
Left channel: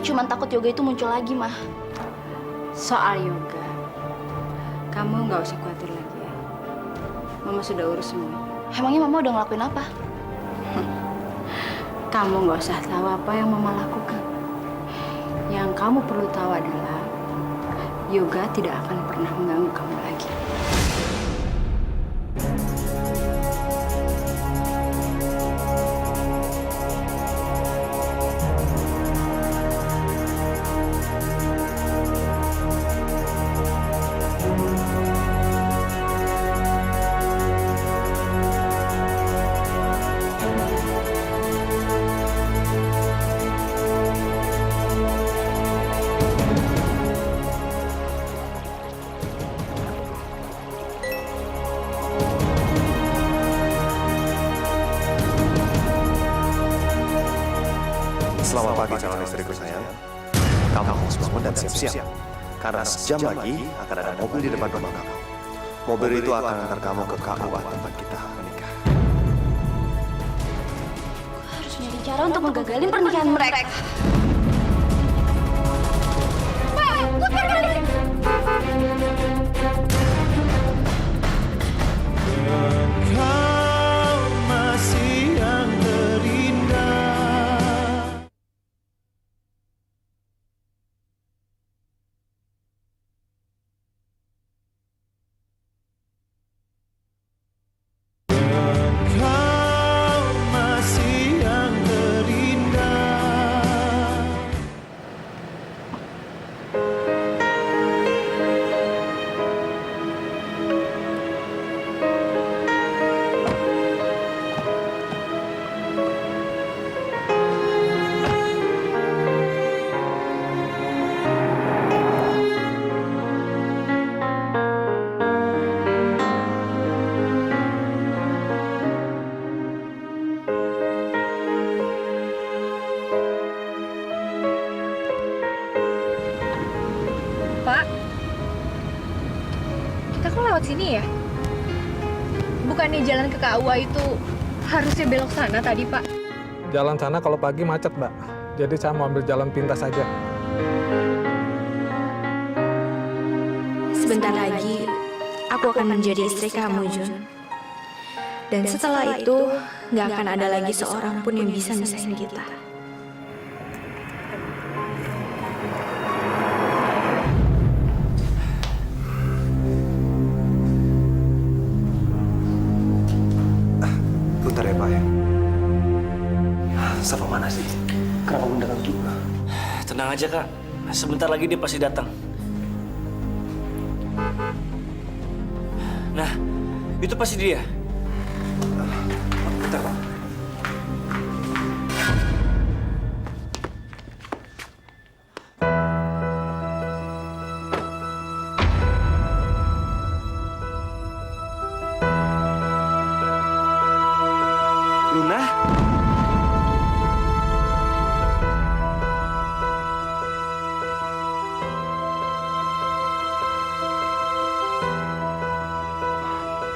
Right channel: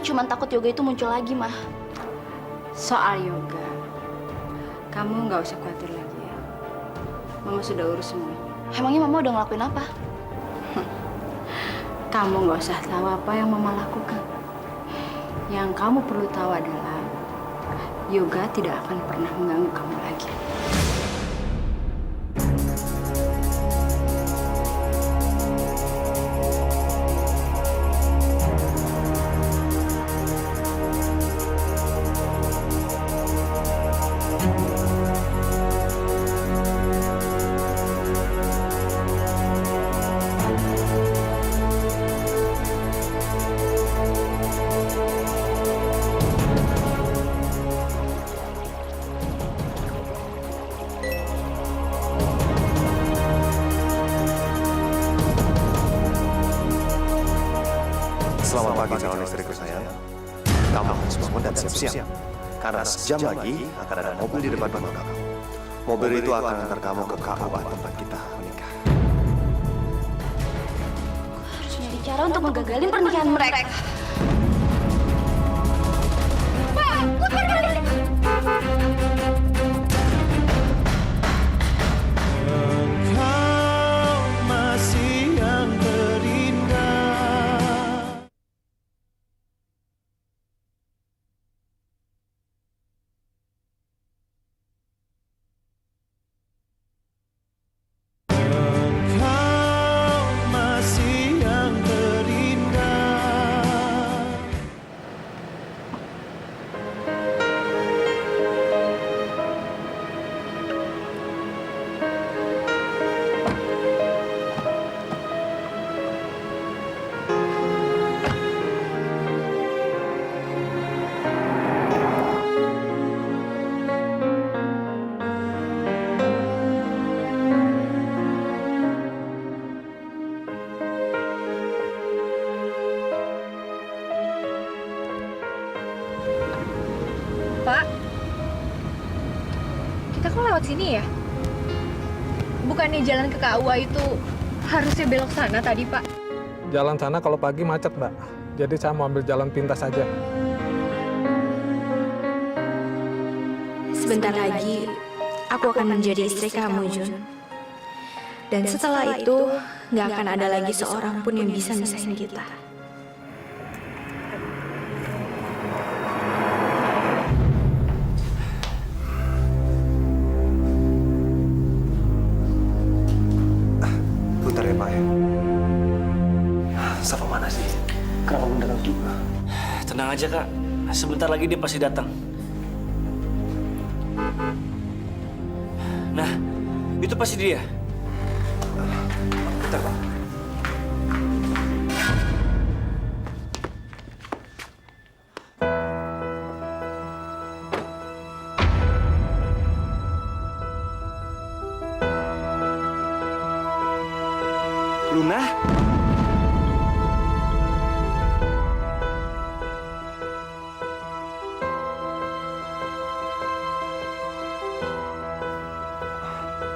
cuma takut Yoga itu muncul lagi, Mah. Soal Yoga, kamu nggak usah khawatir lagi ya. Mama sudah urus semuanya. Emangnya Mama udah ngelakuin apa? Kamu nggak usah tahu apa yang Mama lakukan. Yang kamu perlu tahu adalah Yoga tidak akan pernah mengganggu kamu lagi. Selamat pagi calon istriku sayang. Kamu harus bangun dan siap-siap. Karena sejam lagi akan ada mobil di depan rumah kamu. Mobil itu akan antar kamu ke KUA tempat kita menikah. Gue harus nyari cara untuk menggagalin pernikahan mereka. Engkau masih yang terindah. Engkau masih yang terindah. Pak, kita kok lewat sini ya? Bukannya jalan ke KUA itu harusnya belok sana tadi, Pak? Jalan sana kalau pagi macet, Mbak. Jadi saya mau ambil jalan pintas saja. Sebentar lagi, aku akan menjadi istri kamu, Jun. Dan setelah itu, nggak akan ada lagi seorang pun yang bisa misahin kita. Safa mana sih? Kenapa belum datang juga? Tenang aja, Kak. Sebentar lagi dia pasti datang. Nah, itu pasti dia. Bentar, Pak. Luna?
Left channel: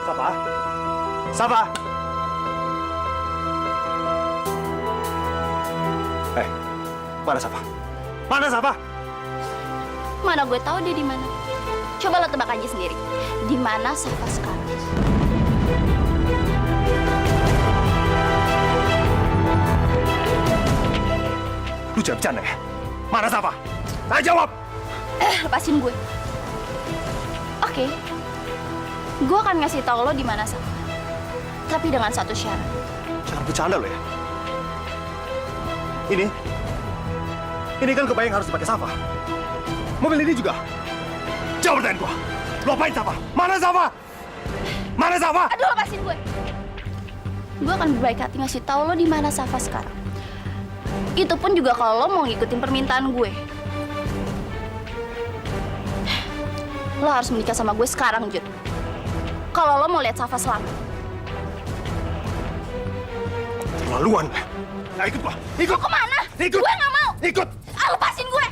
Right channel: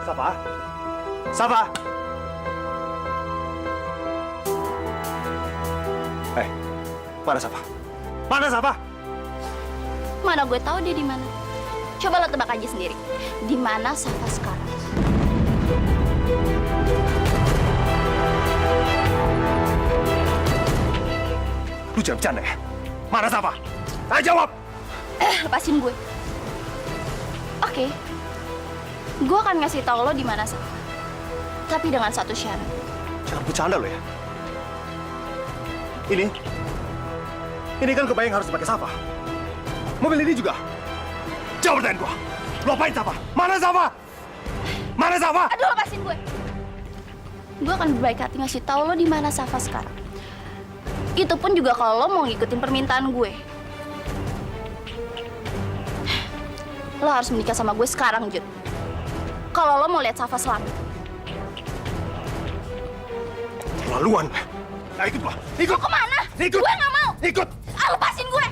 Safa? Safa? Mana Safa? Mana Safa? Mana gue tahu dia di mana. Coba lo tebak aja sendiri. Di mana Safa sekarang? Lu jangan bercanda ya? Mana Safa? Ayo jawab! Lepasin gue. Oke. Gue akan ngasih tahu lo di mana Safa. Tapi dengan satu syarat. Jangan bercanda lo ya. Ini kan kebayang harus dipakai Safa. Mobil ini juga. Jawab pertanyaan gua. Lo apain Safa? Mana Safa? Mana Safa? Aduh, lepasin gue. Gue akan berbaik hati ngasih tahu lo di mana Safa sekarang. Itu pun juga kalau lo mau ngikutin permintaan gue. Lo harus menikah sama gue sekarang, Jun. Kalau lo mau lihat Safa selamat. Terlaluan. Nah, ikut gua. Ikut. Mau kemana? Ikut. Gue nggak mau. Ikut. Lepasin gue.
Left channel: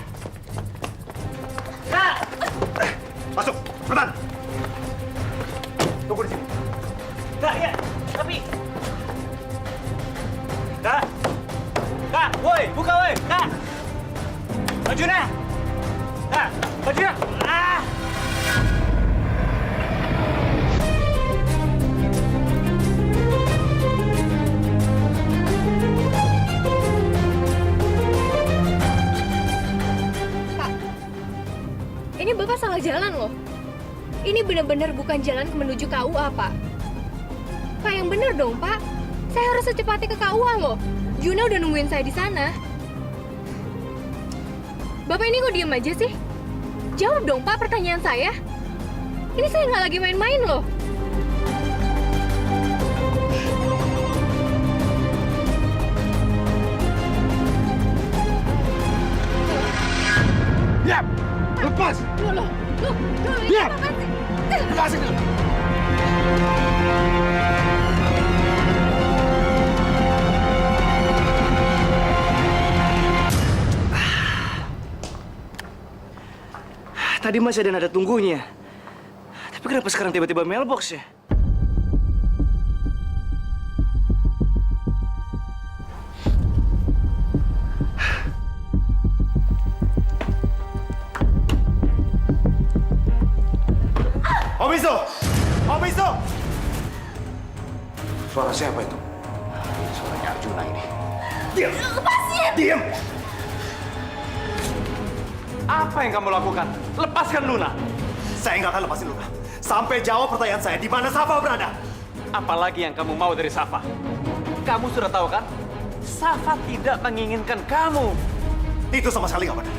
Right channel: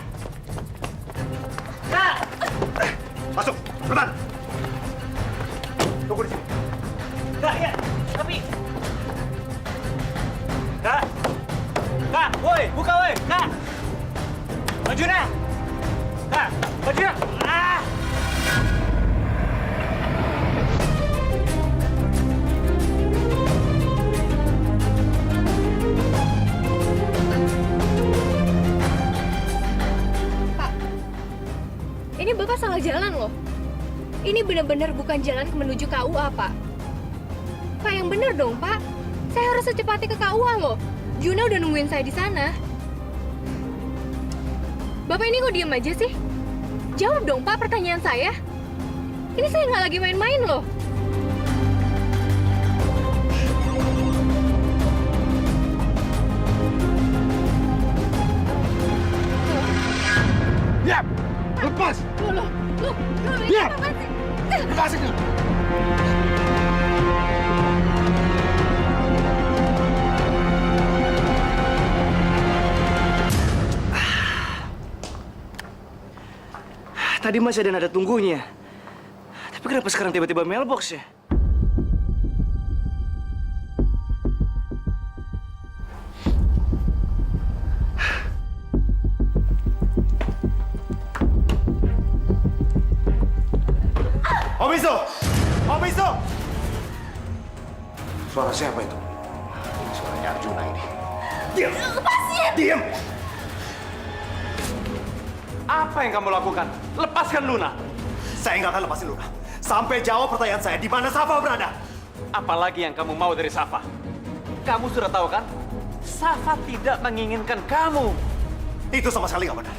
Kak! Masuk. Cepetan. Tunggu di sini. Kak, ya. Tapi... Kak! Kak, woi, buka woi. Kak! Bajunya! Kak, bajunya! Ah! Ini Bapak salah jalan loh. Ini benar-benar bukan jalan menuju KUA, Pak. Pak, yang benar dong, Pak. Saya harus secepatnya ke KUA loh. Juna udah nungguin saya di sana. Bapak ini kok diem aja sih? Jawab dong, Pak, pertanyaan saya. Ini saya nggak lagi main-main loh. Diam! Lepas! Loh, ini Diam! apa sih? Lepasin dulu! Tadi masih ada nada tunggunya. Tapi kenapa sekarang tiba-tiba mailbox ya? Om Iso! Om Iso! Suara siapa itu? Suaranya Arjuna ini. Diam! Lepasin! Diam! Apa yang kamu lakukan? Lepaskan Luna. Saya nggak akan lepasin Luna. Sampai jawab pertanyaan saya, di mana Safa berada? Apalagi yang kamu mau dari Safa? Kamu sudah tahu kan? Safa tidak menginginkan kamu. Itu sama sekali nggak benar.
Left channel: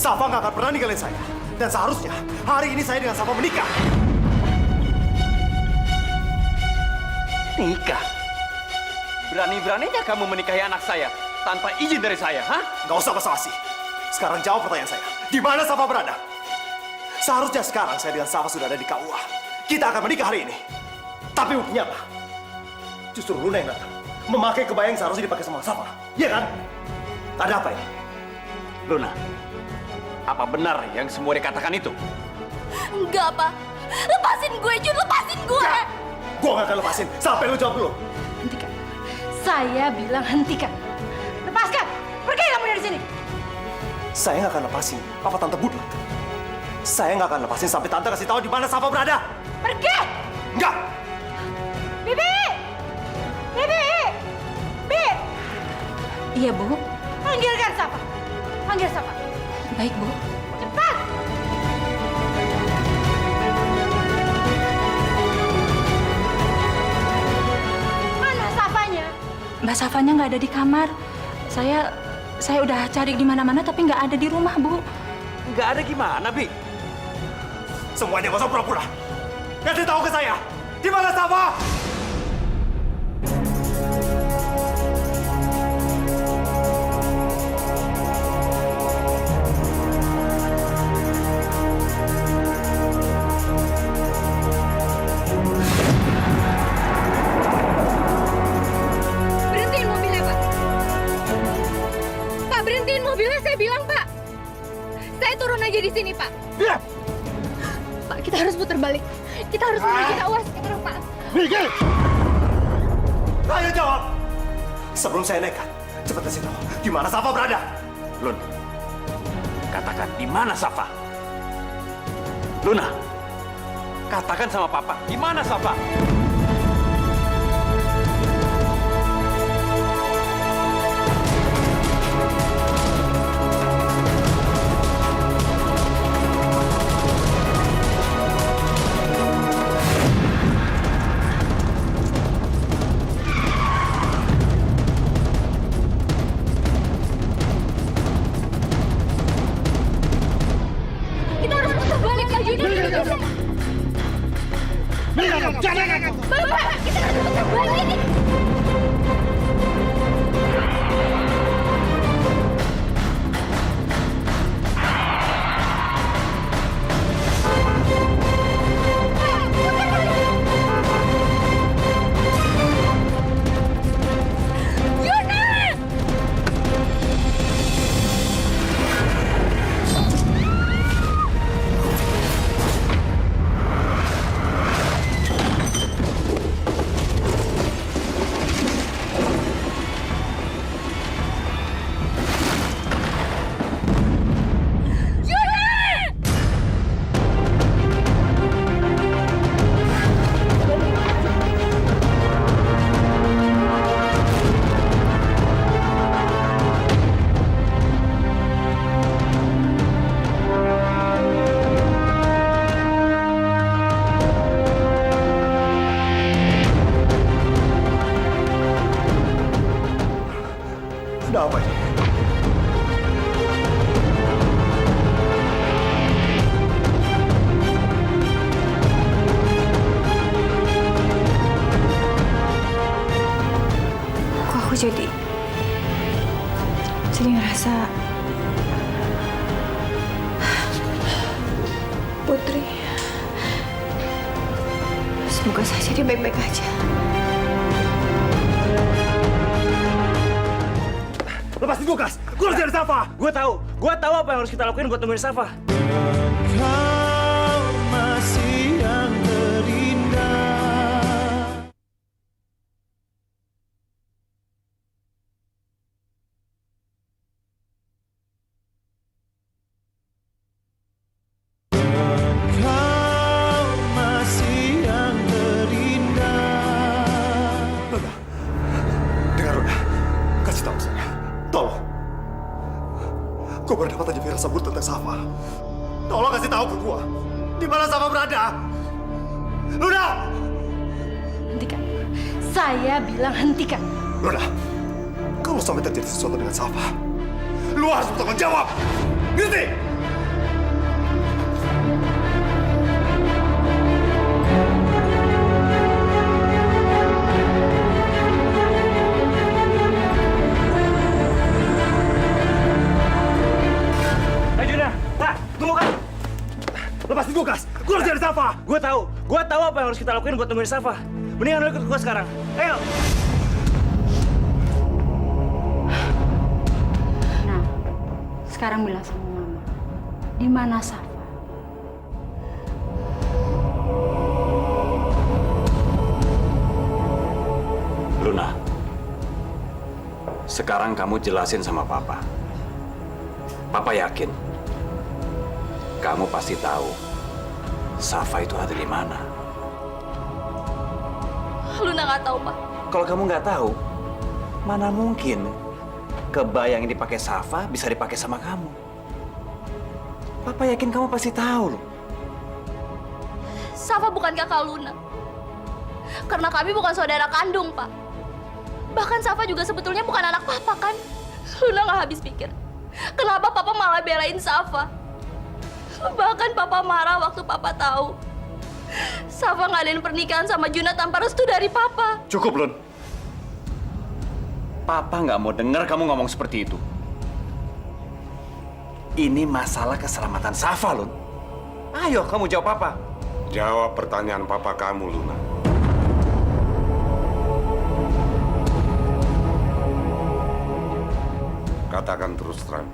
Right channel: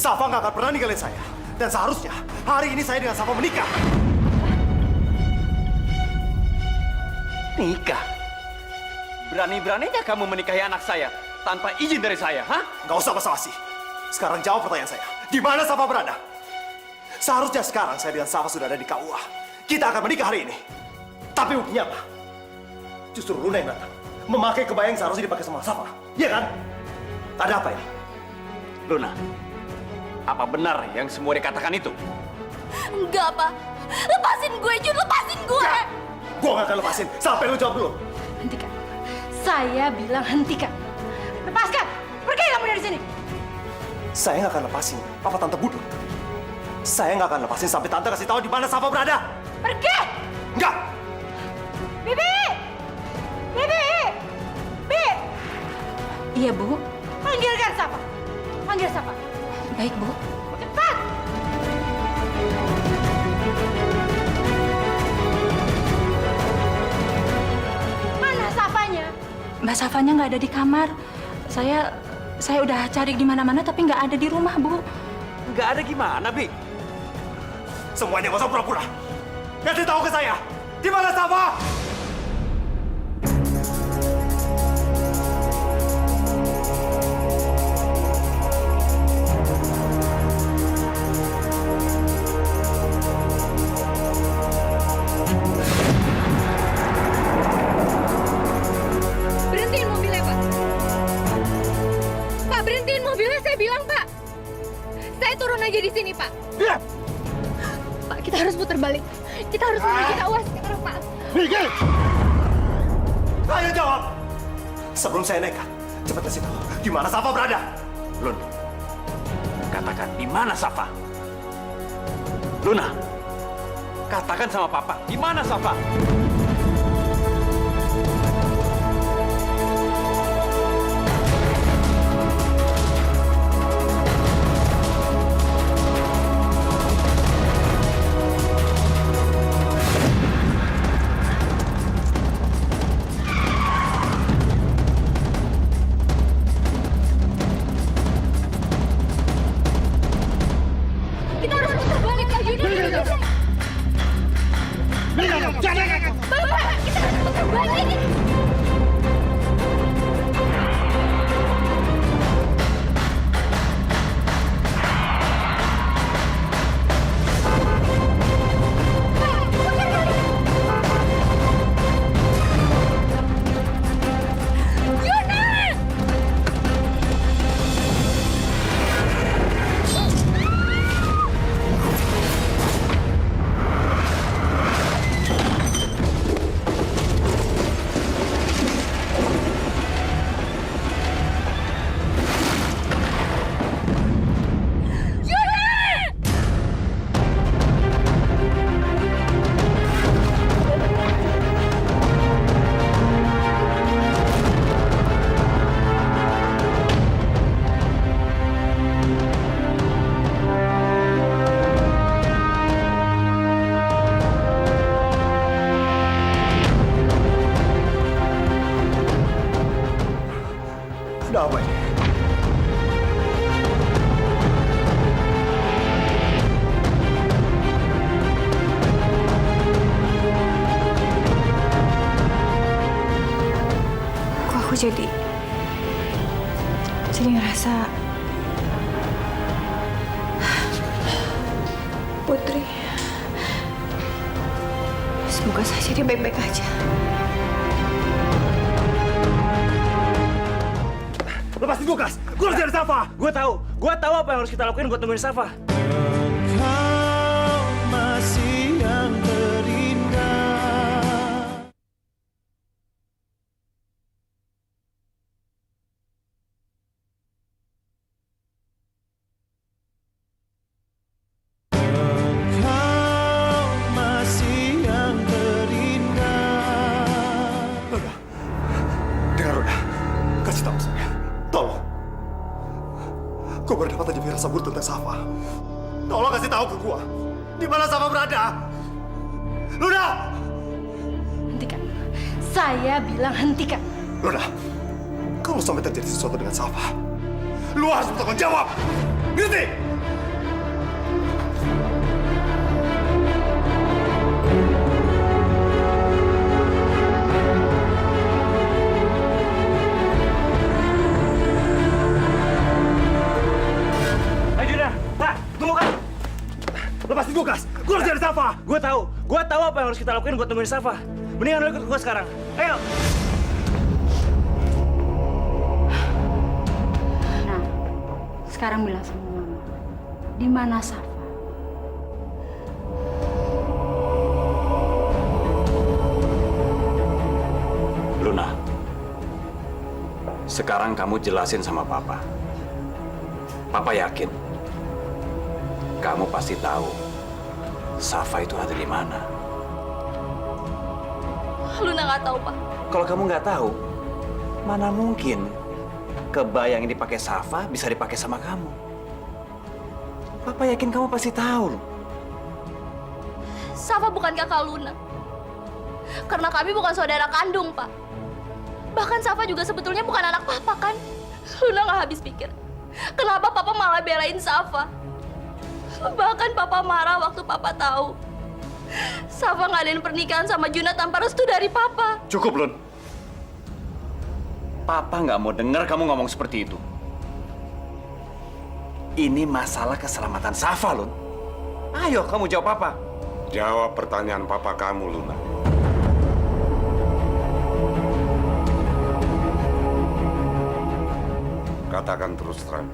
Safa nggak akan pernah ninggalin saya. Dan seharusnya hari ini saya dengan Safa menikah. Nikah? Berani-beraninya kamu menikahi anak saya tanpa izin dari saya, hah? Nggak usah basa-basi. Sekarang jawab pertanyaan saya. Di mana Safa berada? Seharusnya sekarang saya dengan Safa sudah ada di KUA. Kita akan menikah hari ini. Tapi buktinya apa? Justru Luna yang datang. Memakai kebaya yang seharusnya dipakai sama Safa. Iya kan? Ada apa ini? Luna, apa benar yang semua dikatakan itu? Enggak, Pak. Lepasin gue, Jun. Lepasin gue. Gue gak akan lepasin. Sampai lu jawab dulu. Hentikan. Saya bilang hentikan. Lepaskan. Pergi kamu dari sini. Saya nggak akan lepasin Papa Tante Budlek. Saya nggak akan lepasin sampai Tante kasih tahu di mana Safa berada. Pergi! Enggak! Bibi! Bibi! Bi! Iya, Bu. Panggilkan Safa. Panggil Safa. Baik, Bu. Cepat! Mana Safanya? Mbak Safanya nggak ada di kamar. Saya udah cari di mana-mana tapi nggak ada di rumah, Bu. Nggak ada gimana, Bi? Semuanya nggak usah pura-pura. Kasih tahu ke saya, di mana Safa? Berhentiin mobilnya, Pak. Pak, berhentiin mobilnya, saya bilang, Pak. Saya turun aja di sini, Pak. Diam! Pak, kita harus putar balik. Kita harus menuju Tawas sekarang, Pak. Minggir! Ayo jawab! Sebelum saya nekat, cepat kasih tahu, di mana Safa berada? Lun, katakan di mana Safa? Luna, katakan sama Papa, di mana Safa? Kita harus putar balik lagi. Bapak, kita harus putar balik. Ada apa ini? Kok aku jadi ngerasa Putri. Semoga saja dia baik-baik aja. Lepasin gue, Kas! Gue harus cari Safa! Gue tahu apa yang harus kita lakuin buat nemuin Safa. Engkau masih yang terindah. Engkau masih yang terindah. Luna, dengar Luna, kasih tahu saya. Tolong. Gue baru dapat aja firasat buruk tentang Safa. Tolong kasih tahu ke gue. Di mana Safa berada? Luna! Hentikan. Saya bilang hentikan. Luna, kalau sampai terjadi sesuatu dengan Safa, lu harus bertanggung jawab. Ngerti? Juna, Pak, tunggu kan. Lepasin gue, Kas. Gue harus cari Safa. Gue tahu apa yang harus kita lakuin buat nemuin Safa. Mendingan lu ikut gue sekarang. Ayo. Nah, sekarang bilang sama Mama, di mana Safa? Luna, sekarang kamu jelasin sama Papa. Papa yakin kamu pasti tahu Safa itu ada di mana. Luna nggak tahu, Pak. Kalau kamu nggak tahu, mana mungkin kebaya yang dipakai Safa bisa dipakai sama kamu. Papa yakin kamu pasti tahu loh. Safa bukan kakak Luna. Karena kami bukan saudara kandung, Pak. Bahkan Safa juga sebetulnya bukan anak papa kan? Luna nggak habis pikir. Kenapa papa malah belain Safa? Bahkan papa marah waktu papa tahu Safa ngadain pernikahan sama Juna tanpa restu dari papa. Cukup, Lun. Papa nggak mau dengar kamu ngomong seperti itu. Ini masalah keselamatan Safa, Lun. Ayo, kamu jawab apa? Jawab pertanyaan papa kamu, Luna. Katakan terus terang,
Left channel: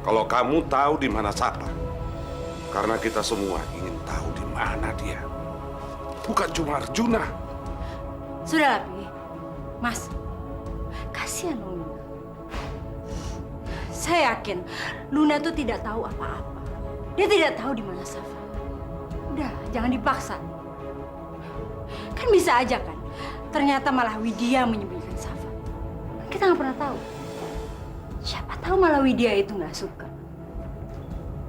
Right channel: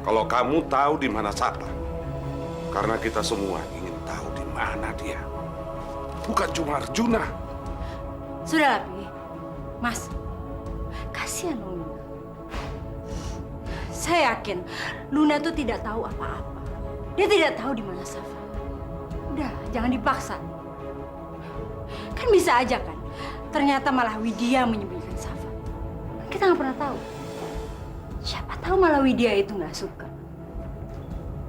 kalau kamu tahu di mana Safa. Karena kita semua ingin tahu di mana dia. Bukan cuma Arjuna. Sudahlah, Pi. Mas, kasihan Luna. Saya yakin Luna tuh tidak tahu apa-apa. Dia tidak tahu di mana Safa. Udah, jangan dipaksa. Kan bisa aja kan, ternyata malah Widya menyembunyikan Safa. Kita nggak pernah tahu. Siapa tahu malah Widya itu nggak suka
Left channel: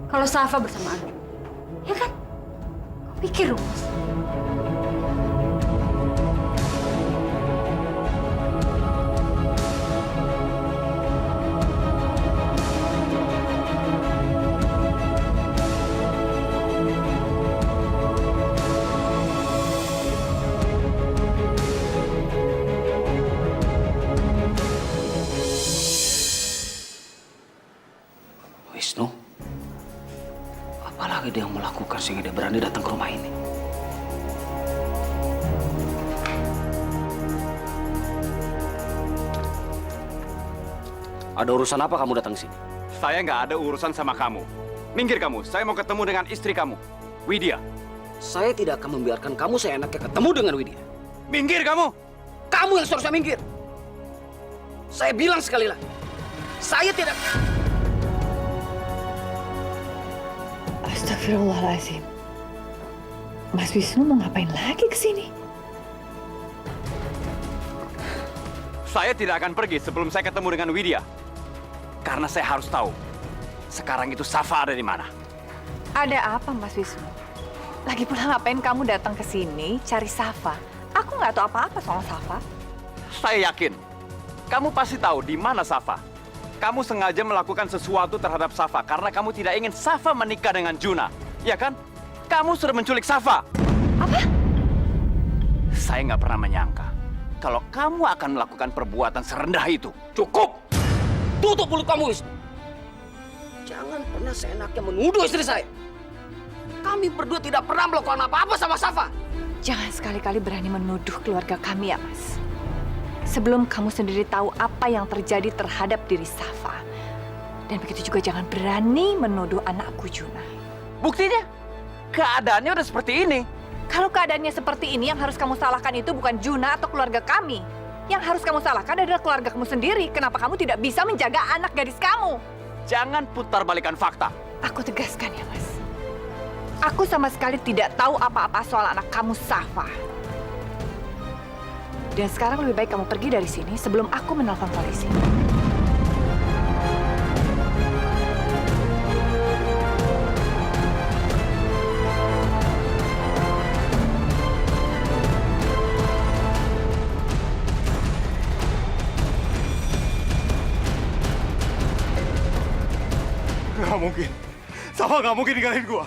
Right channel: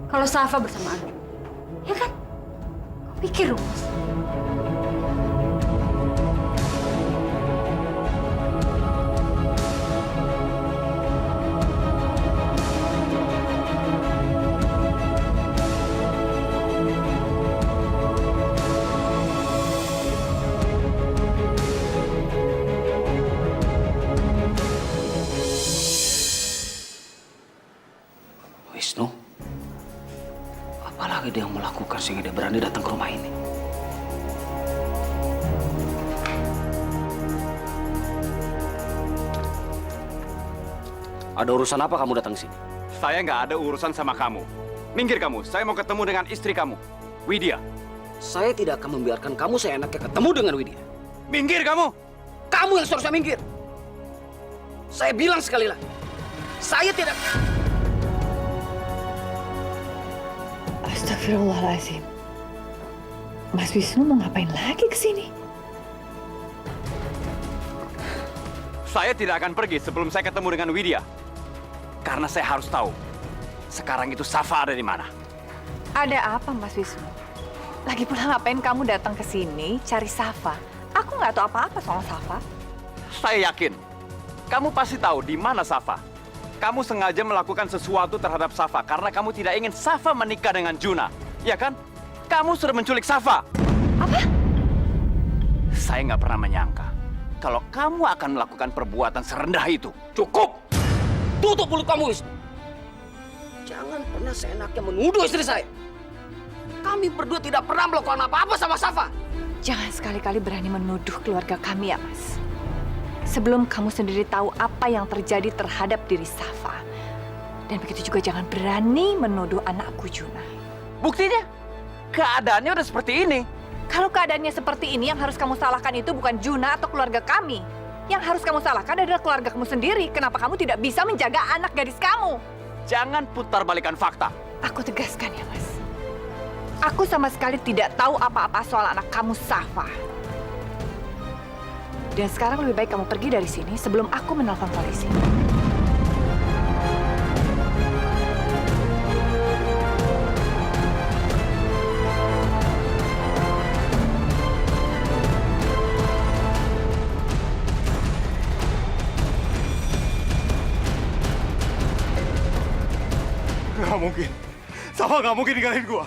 kalau Safa bersama Arjuna. Ya kan? Kau pikir dong, Mas. Wisnu, apalagi dia yang melakukan sehingga dia berani datang ke rumah ini? Ada urusan apa kamu datang sini? Saya nggak ada urusan sama kamu. Minggir kamu, saya mau ketemu dengan istri kamu, Widya. Saya tidak akan membiarkan kamu seenaknya ketemu dengan Widya. Minggir kamu! Kamu yang seharusnya minggir. Saya bilang sekali lagi, saya tidak... Astagfirullahaladzim. Mas Wisnu mau ngapain lagi ke sini? Saya tidak akan pergi sebelum saya ketemu dengan Widya. Karena saya harus tahu, sekarang itu Safa ada di mana. Ada apa, Mas Wisnu? Lagi pula ngapain kamu datang ke sini cari Safa? Aku nggak tahu apa-apa soal Safa. Saya yakin, kamu pasti tahu di mana Safa. Kamu sengaja melakukan sesuatu terhadap Safa karena kamu tidak ingin Safa menikah dengan Juna. Ya kan? Kamu sudah menculik Safa. Apa? Saya nggak pernah menyangka kalau kamu akan melakukan perbuatan serendah itu. Cukup! Tutup mulut kamu, Wisnu. Jangan pernah seenaknya menuduh istri saya. Kami berdua tidak pernah melakukan apa-apa sama Safa. Jangan sekali-kali berani menuduh keluarga kami ya, Mas. Sebelum kamu sendiri tahu apa yang terjadi terhadap diri Safa. Dan begitu juga jangan berani menuduh anakku Juna. Buktinya, keadaannya udah seperti ini. Kalau keadaannya seperti ini, yang harus kamu salahkan itu bukan Juna atau keluarga kami. Yang harus kamu salahkan adalah keluarga kamu sendiri. Kenapa kamu tidak bisa menjaga anak gadis kamu? Jangan putar balikan fakta. Aku tegaskan ya, Mas. Aku sama sekali tidak tahu apa-apa soal anak kamu, Safa. Dan sekarang lebih baik kamu pergi dari sini sebelum aku menelpon polisi. Nggak mungkin. Safa nggak mungkin ninggalin gua.